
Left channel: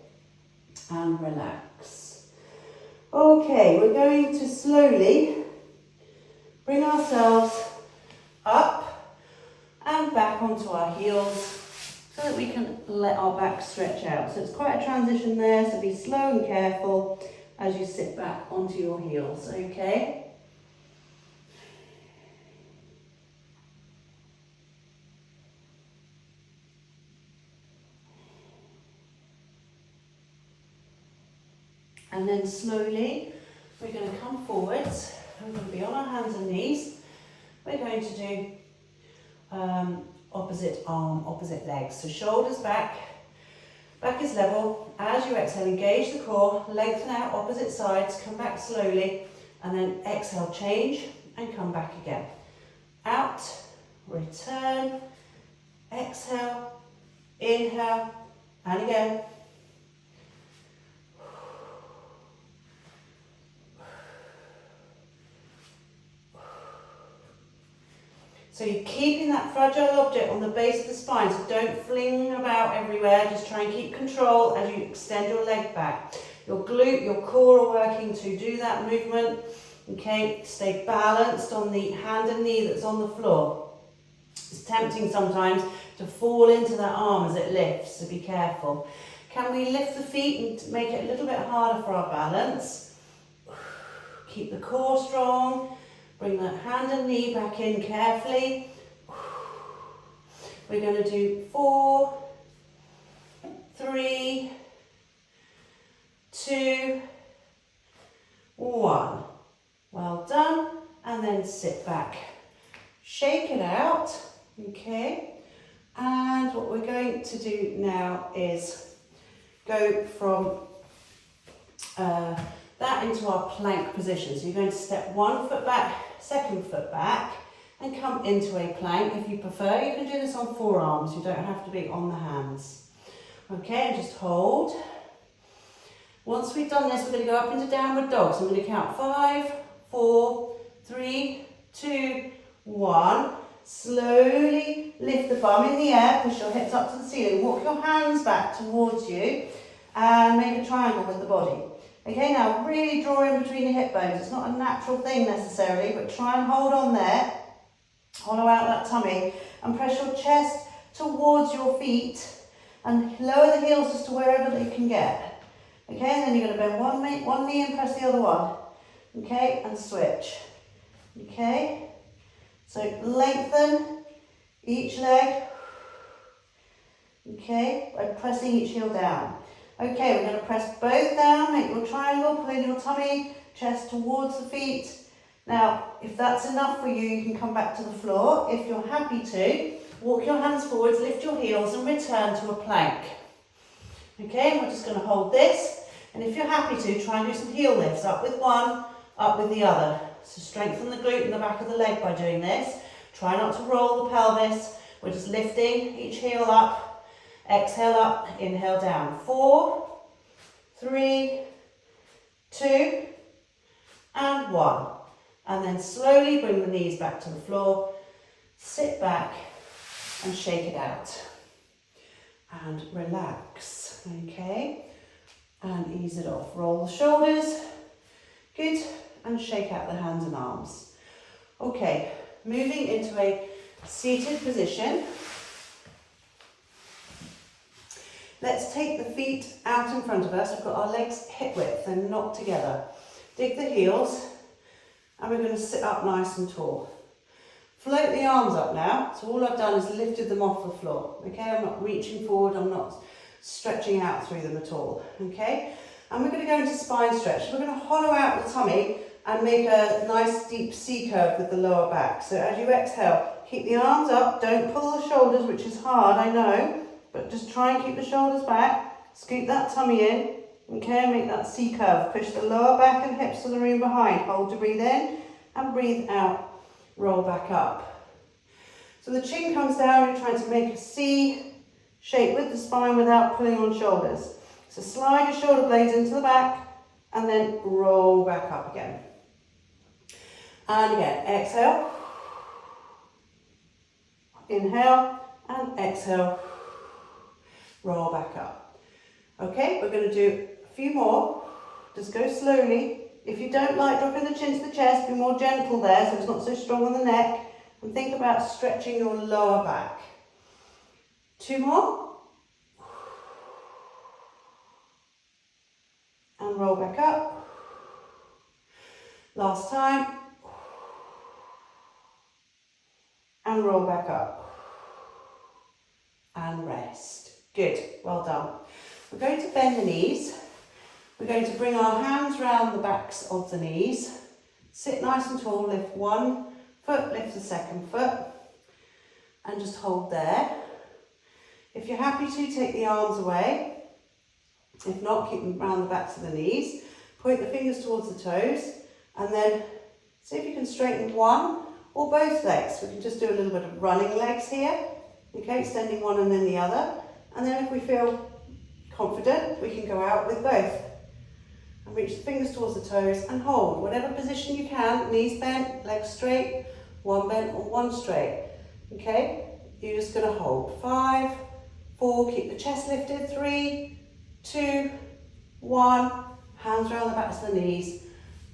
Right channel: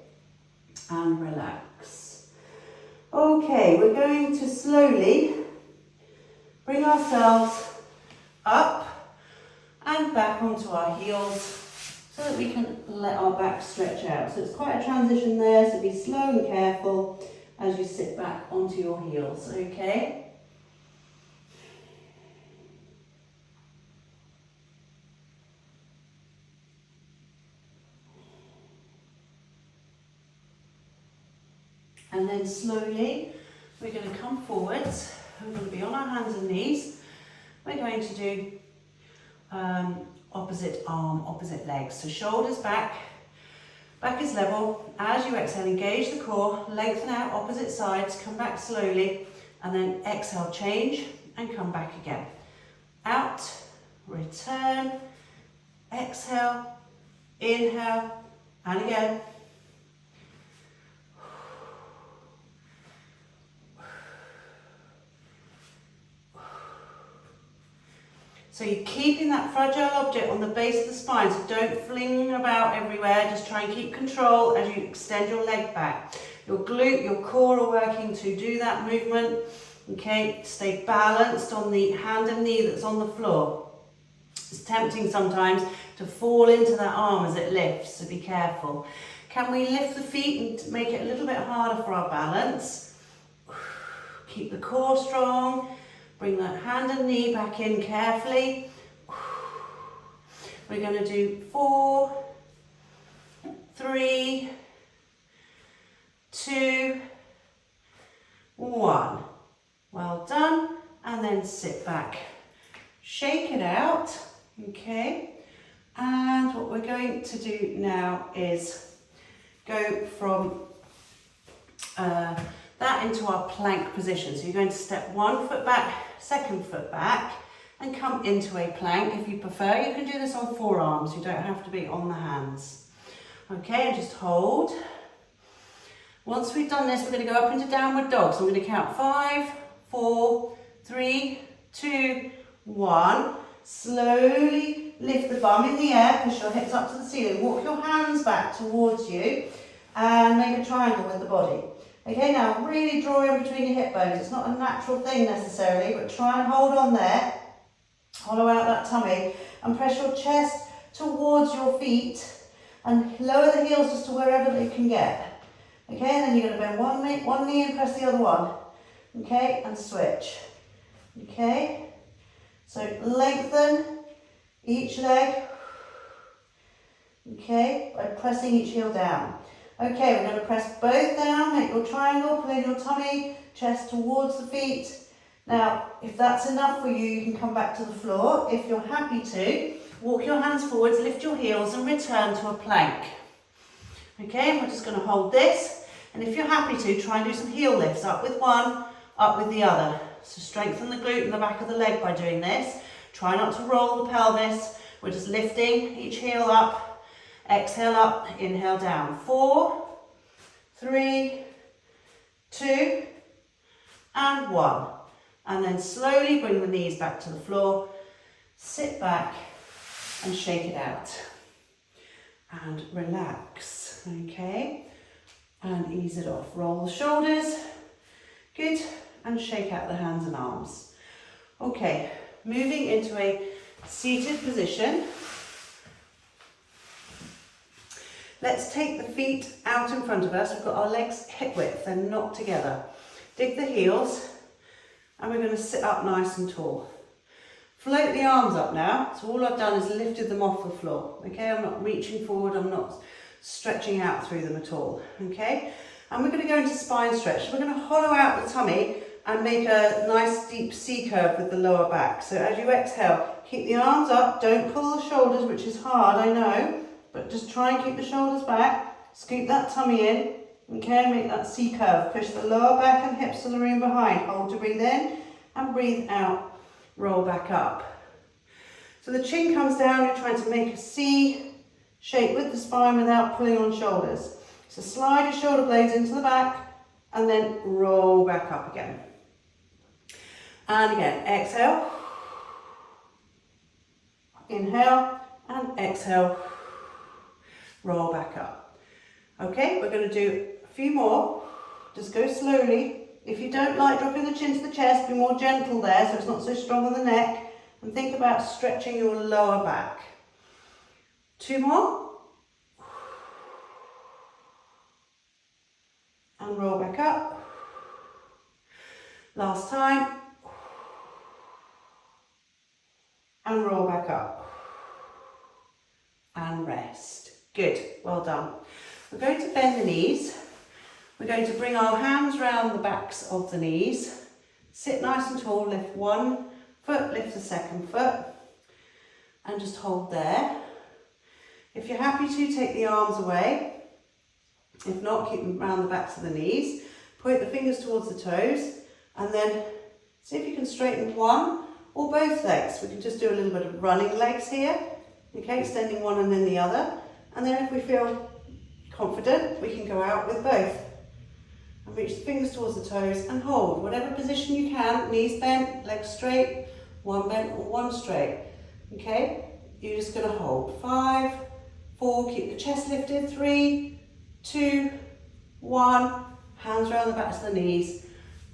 And relax. Okay, we're going to slowly bring ourselves up and back onto our heels so that we can let our back stretch out. So it's quite a transition there, so be slow and careful as you sit back onto your heels, okay? And then slowly, we're going to come forwards. We're going to be on our hands and knees. We're going to do opposite arm, opposite legs. So shoulders back, back is level. As you exhale, engage the core, lengthen out opposite sides, come back slowly, and then exhale, change, and come back again. Out, return, exhale, inhale, and again. So you're keeping that fragile object on the base of the spine, so don't fling about everywhere, just try and keep control as you extend your leg back. Your glute, your core are working to do that movement, okay? Stay balanced on the hand and knee that's on the floor. It's tempting sometimes to fall into that arm as it lifts, so be careful. Can we lift the feet and make it a little bit harder for our balance? Keep the core strong. Bring that hand and knee back in carefully. We're going to do 4, 3, 2, 1. Well done. And then sit back. Shake it out. Okay. And what we're going to do now is go from that into our plank position. So you're going to step 1 foot back, 2nd foot back, and come into a plank. If you prefer, you can do this on forearms. You don't have to be on the hands. Okay, and just hold. Once we've done this, we're going to go up into downward dog. So I'm going to count 5, 4, 3, 2, 1. Slowly lift the bum in the air, push your hips up to the ceiling, walk your hands back towards you and make a triangle with the body. Okay, now really draw in between your hip bones. It's not a natural thing necessarily, but try and hold on there. Hollow out that tummy and press your chest towards your feet and lower the heels just to wherever they can get. Okay, and then you're going to bend one knee and press the other one. Okay, and switch. Okay, so lengthen each leg. Okay, by pressing each heel down. Okay, we're going to press both down, make your triangle, pull in your tummy, chest towards the feet. Now, if that's enough for you, you can come back to the floor. If you're happy to, walk your hands forwards, lift your heels and return to a plank. Okay, we're just going to hold this. And if you're happy to, try and do some heel lifts, up with one, up with the other. So strengthen the glute and the back of the leg by doing this. Try not to roll the pelvis. We're just lifting each heel up. Exhale up, inhale down. 4, 3, 2, and 1. And then slowly bring the knees back to the floor. Sit back and shake it out. And relax, okay? And ease it off. Roll the shoulders. Good. And shake out the hands and arms. Okay, moving into a seated position. Let's take the feet out in front of us. We've got our legs hip width, they're not together. Dig the heels, and we're going to sit up nice and tall. Float the arms up now. So all I've done is lifted them off the floor. Okay, I'm not reaching forward, I'm not stretching out through them at all. Okay, and we're going to go into spine stretch. We're going to hollow out the tummy and make a nice deep C curve with the lower back. So as you exhale, keep the arms up, don't pull the shoulders, which is hard, I know. But just try and keep the shoulders back, scoop that tummy in, okay, make that C curve. Push the lower back and hips to the room behind. Hold to breathe in and breathe out, roll back up. So the chin comes down, you're trying to make a C shape with the spine without pulling on shoulders. So slide your shoulder blades into the back and then roll back up again. And again, exhale, inhale and exhale. Roll back up. Okay, we're going to do a few more. Just go slowly. If you don't like dropping the chin to the chest, be more gentle there so it's not so strong on the neck. And think about stretching your lower back. 2 more. And roll back up. Last time. And roll back up. And rest. Good, well done. We're going to bend the knees. We're going to bring our hands round the backs of the knees. Sit nice and tall, lift one foot, lift the second foot. And just hold there. If you're happy to, take the arms away. If not, keep them round the backs of the knees. Point the fingers towards the toes. And then see if you can straighten one or both legs. We can just do a little bit of running legs here. Okay, extending one and then the other. And then if we feel confident, we can go out with both. And reach the fingers towards the toes and hold. Whatever position you can, knees bent, legs straight, one bent or one straight. Okay, you're just going to hold. 5, 4, keep the chest lifted. 3, 2, 1. Hands around the backs of the knees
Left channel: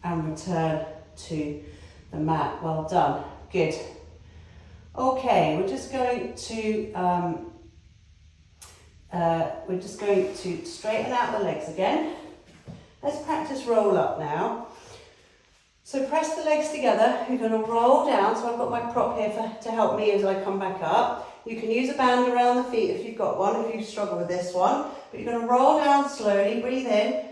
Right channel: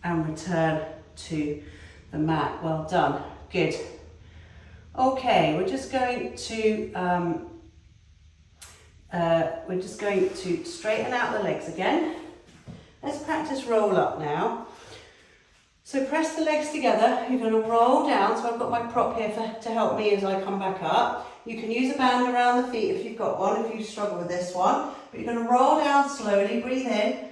and return to the mat. Well done. Good. Okay, we're just going to straighten out the legs again. Let's practice roll up now. So press the legs together. You're going to roll down. So I've got my prop here to help me as I come back up. You can use a band around the feet if you've got one, if you struggle with this one. But you're going to roll down slowly, breathe in,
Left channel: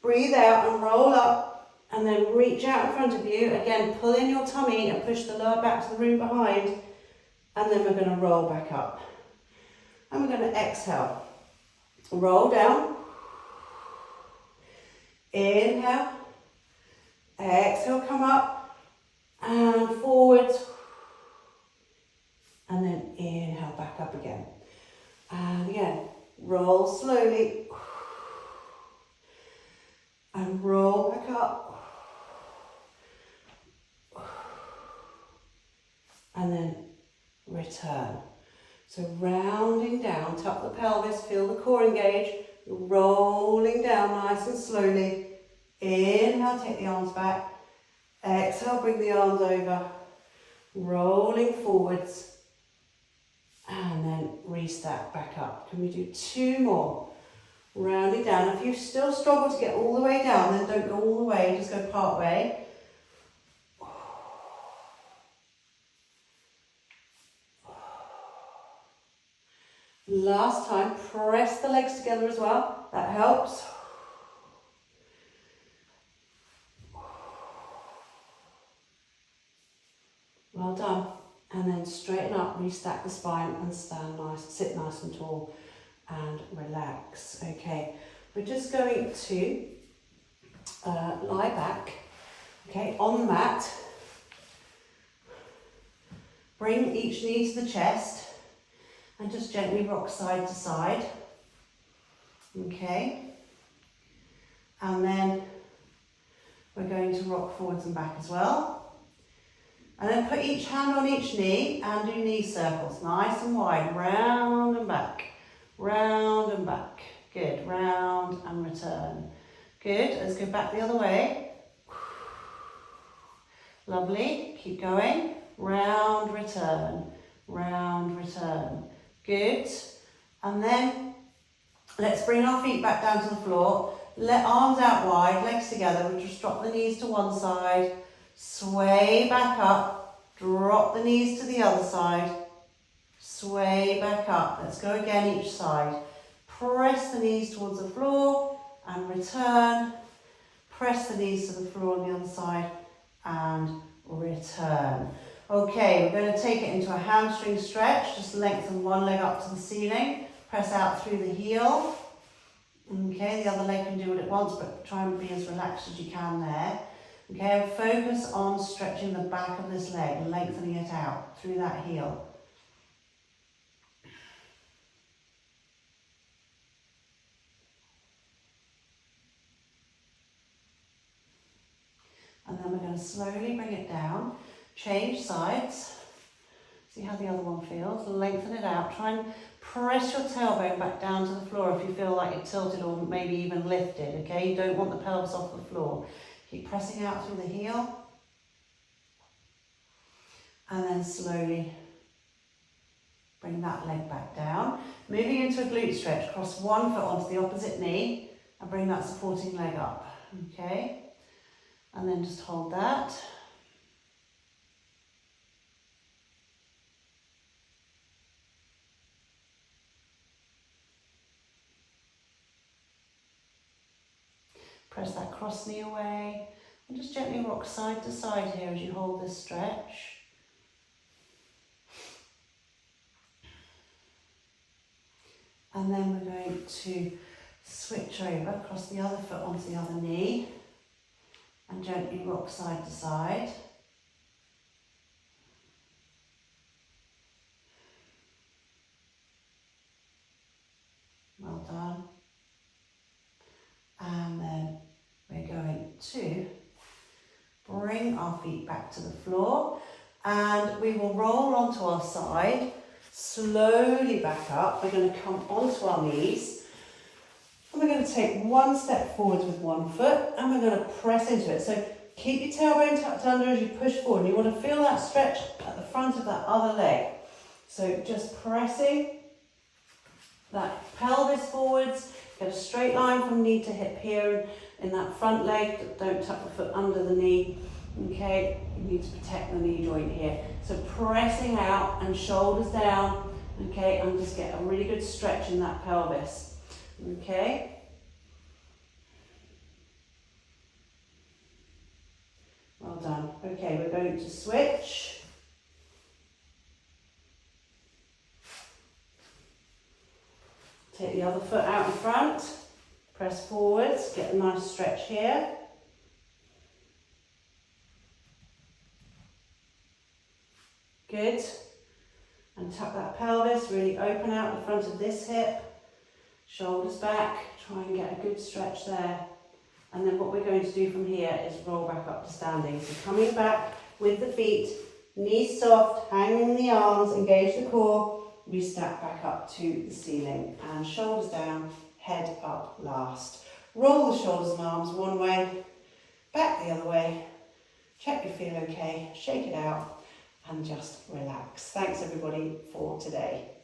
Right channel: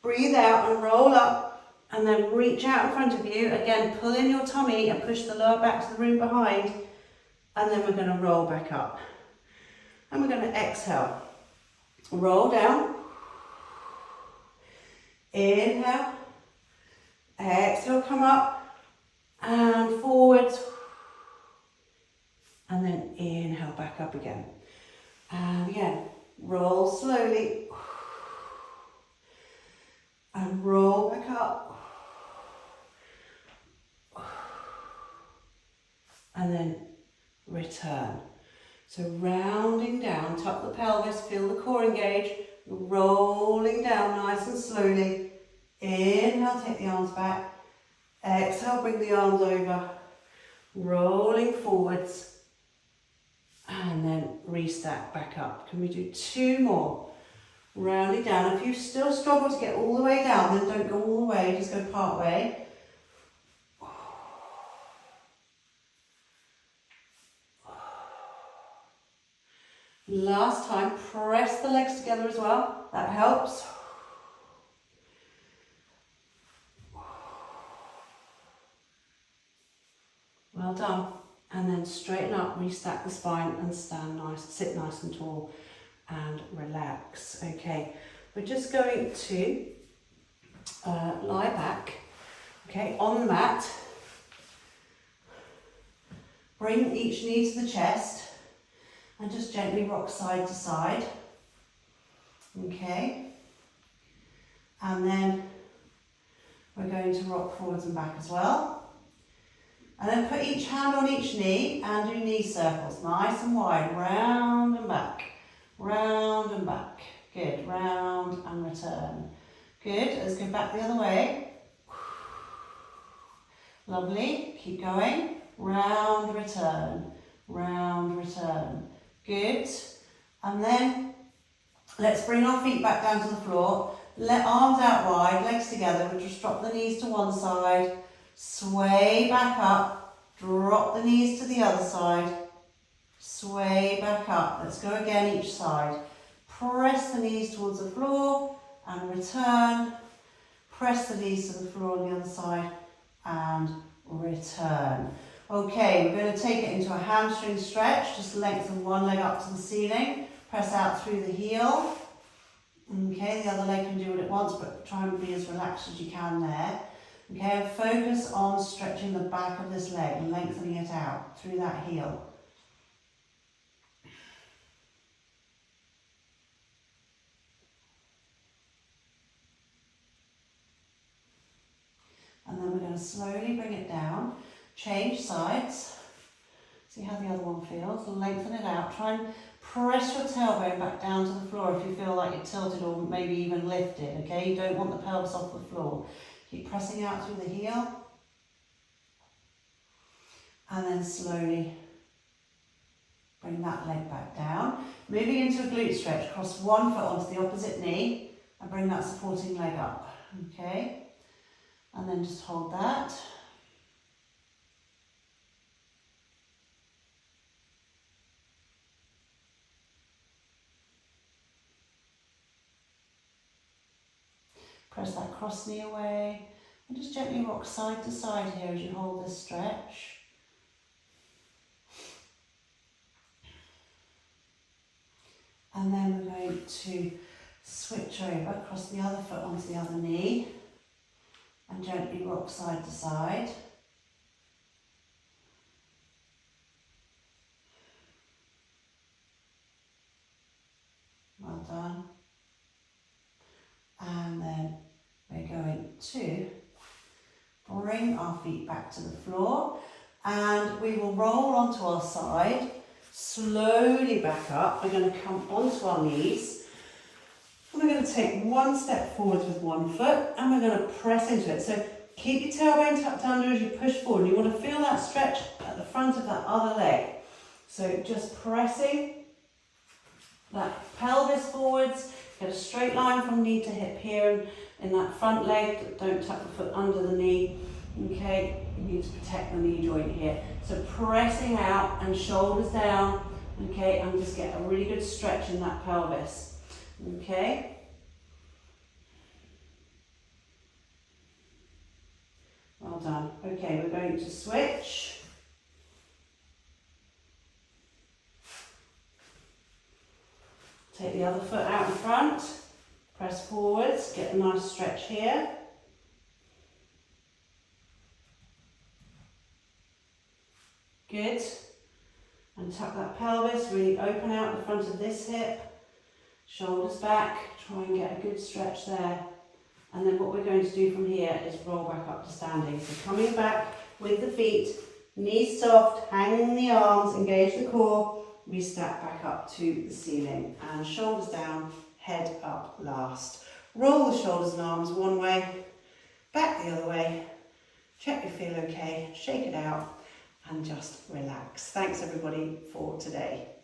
breathe out and roll up. And then reach out in front of you. Again, pull in your tummy and push the lower back to the room behind. And then we're going to roll back up. And we're going to exhale. Roll down. Inhale. Exhale, come up. And forwards. And then inhale, back up again. And again, roll slowly. And roll back up. return. So rounding down, tuck the pelvis, feel the core engage, rolling down nice and slowly. Inhale, take the arms back. Exhale, bring the arms over, rolling forwards, and then restack back up. Can we do 2 more? Rounding down. If you still struggle to get all the way down, then don't go all the way, just go part way. Last time, press the legs together as well, that helps. Well done. And then straighten up, restack the spine and stand nice, sit nice and tall and relax. Okay, we're just going to lie back, okay, on the mat. Bring each knee to the chest and just gently rock side to side. Okay, and then we're going to rock forwards and back as well. And then put each hand on each knee and do knee circles, nice and wide, round and back, round and back. Good, round and return. Good, let's go back the other way. Lovely, keep going. Round, return, round, return. Good, and then let's bring our feet back down to the floor. Let arms out wide, legs together. We'll just drop the knees to one side. Sway back up, drop the knees to the other side, sway back up. Let's go again each side. Press the knees towards the floor and return. Press the knees to the floor on the other side and return. Okay, we're going to take it into a hamstring stretch. Just lengthen one leg up to the ceiling. Press out through the heel. Okay, the other leg can do what it wants, but try and be as relaxed as you can there. Okay, and focus on stretching the back of this leg and lengthening it out through that heel. And then we're going to slowly bring it down, change sides, see how the other one feels, lengthen it out, try and press your tailbone back down to the floor if you feel like you're tilted or maybe even lifted, okay? You don't want the pelvis off the floor. Keep pressing out through the heel. And then slowly bring that leg back down. Moving into a glute stretch, cross one foot onto the opposite knee and bring that supporting leg up, okay? And then just hold that. Press that cross knee away and just gently rock side to side here as you hold this stretch. And then we're going to switch over, cross the other foot onto the other knee and gently rock side to side. Well done. And then we're going to bring our feet back to the floor and we will roll onto our side, slowly back up. We're going to come onto our knees and we're going to take one step forward with one foot and we're going to press into it. So keep your tailbone tucked under as you push forward. You want to feel that stretch at the front of that other leg. So just pressing that pelvis forwards. Get a straight line from knee to hip here in that front leg. Don't tuck the foot under the knee. Okay, you need to protect the knee joint here. So pressing out and shoulders down. Okay, and just get a really good stretch in that pelvis. Okay. Well done. Okay, we're going to switch. Take the other foot out in front, press forwards, get a nice stretch here. Good. And tuck that pelvis, really open out the front of this hip, shoulders back, try and get a good stretch there. And then what we're going to do from here is roll back up to standing. So coming back with the feet Knees soft, hanging the arms, engage the core. We snap back up to the ceiling and shoulders down, head up last. Roll the shoulders and arms one way, back the other way. Check you feel okay, shake it out and just relax. Thanks everybody for today.